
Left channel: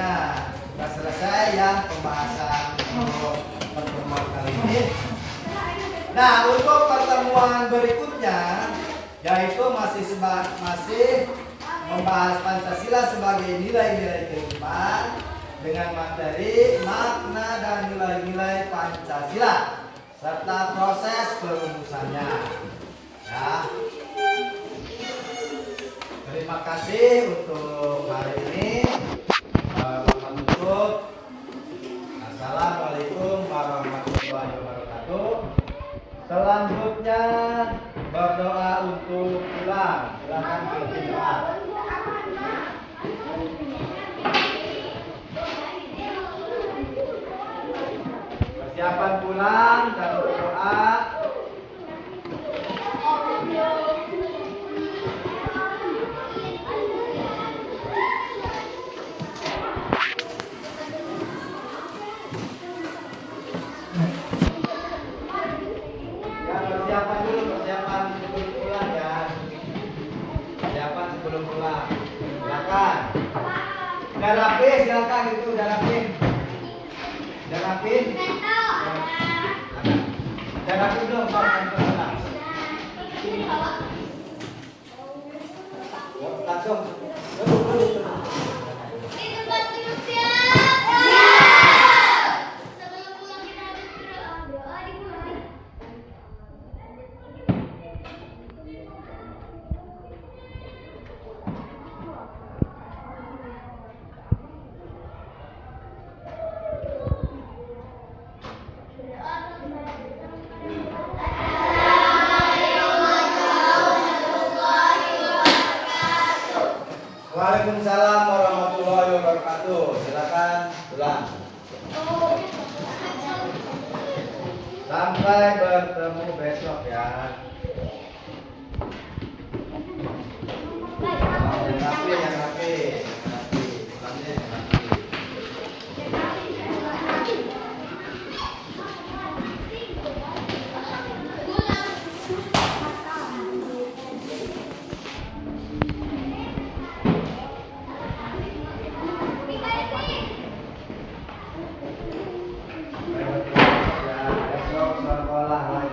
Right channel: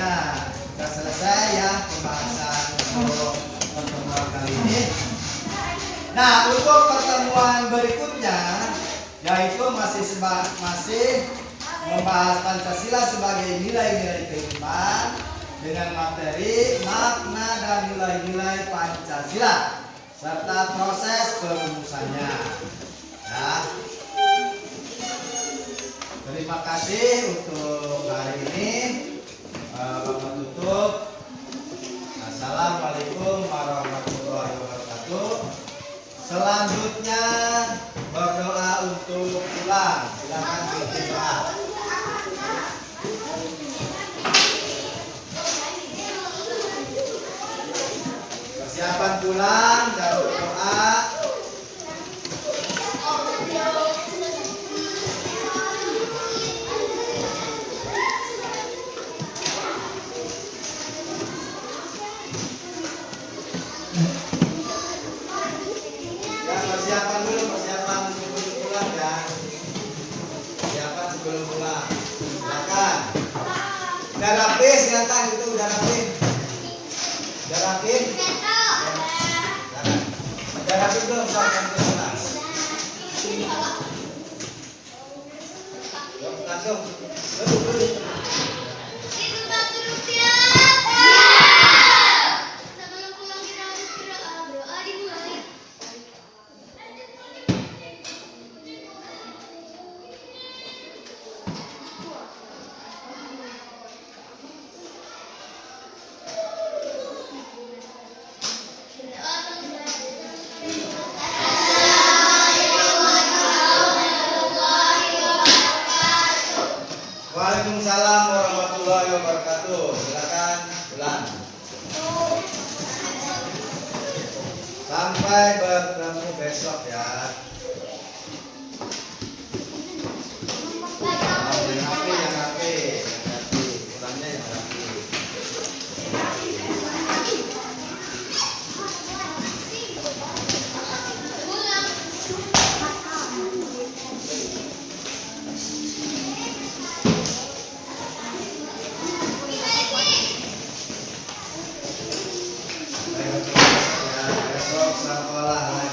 Nah, sudah selesai ya pembahasan untuk pertemuan kali ini. Nah, untuk pertemuan berikutnya yaitu masih membahas Pancasila sebagai nilai-nilai kehidupan dengan materi makna dan nilai-nilai Pancasila serta proses perumusannya. Ya. Terima kasih untuk hari ini. Menutup. Assalamualaikum warahmatullahi wabarakatuh. Selanjutnya berdoa untuk pulang. Silakan berdoa. Persiapan pulang, jangan berdoa. Udah rapi, silakan itu udah rapi. Udah rapi. Udah rapi belum sampai ke kelas? Langsung. Duduk. Waalaikumsalam warahmatullahi wabarakatuh. Silakan pulang. Sampai bertemu besok ya. Yang rapi. Pulangnya yang rapi. Besok sekolah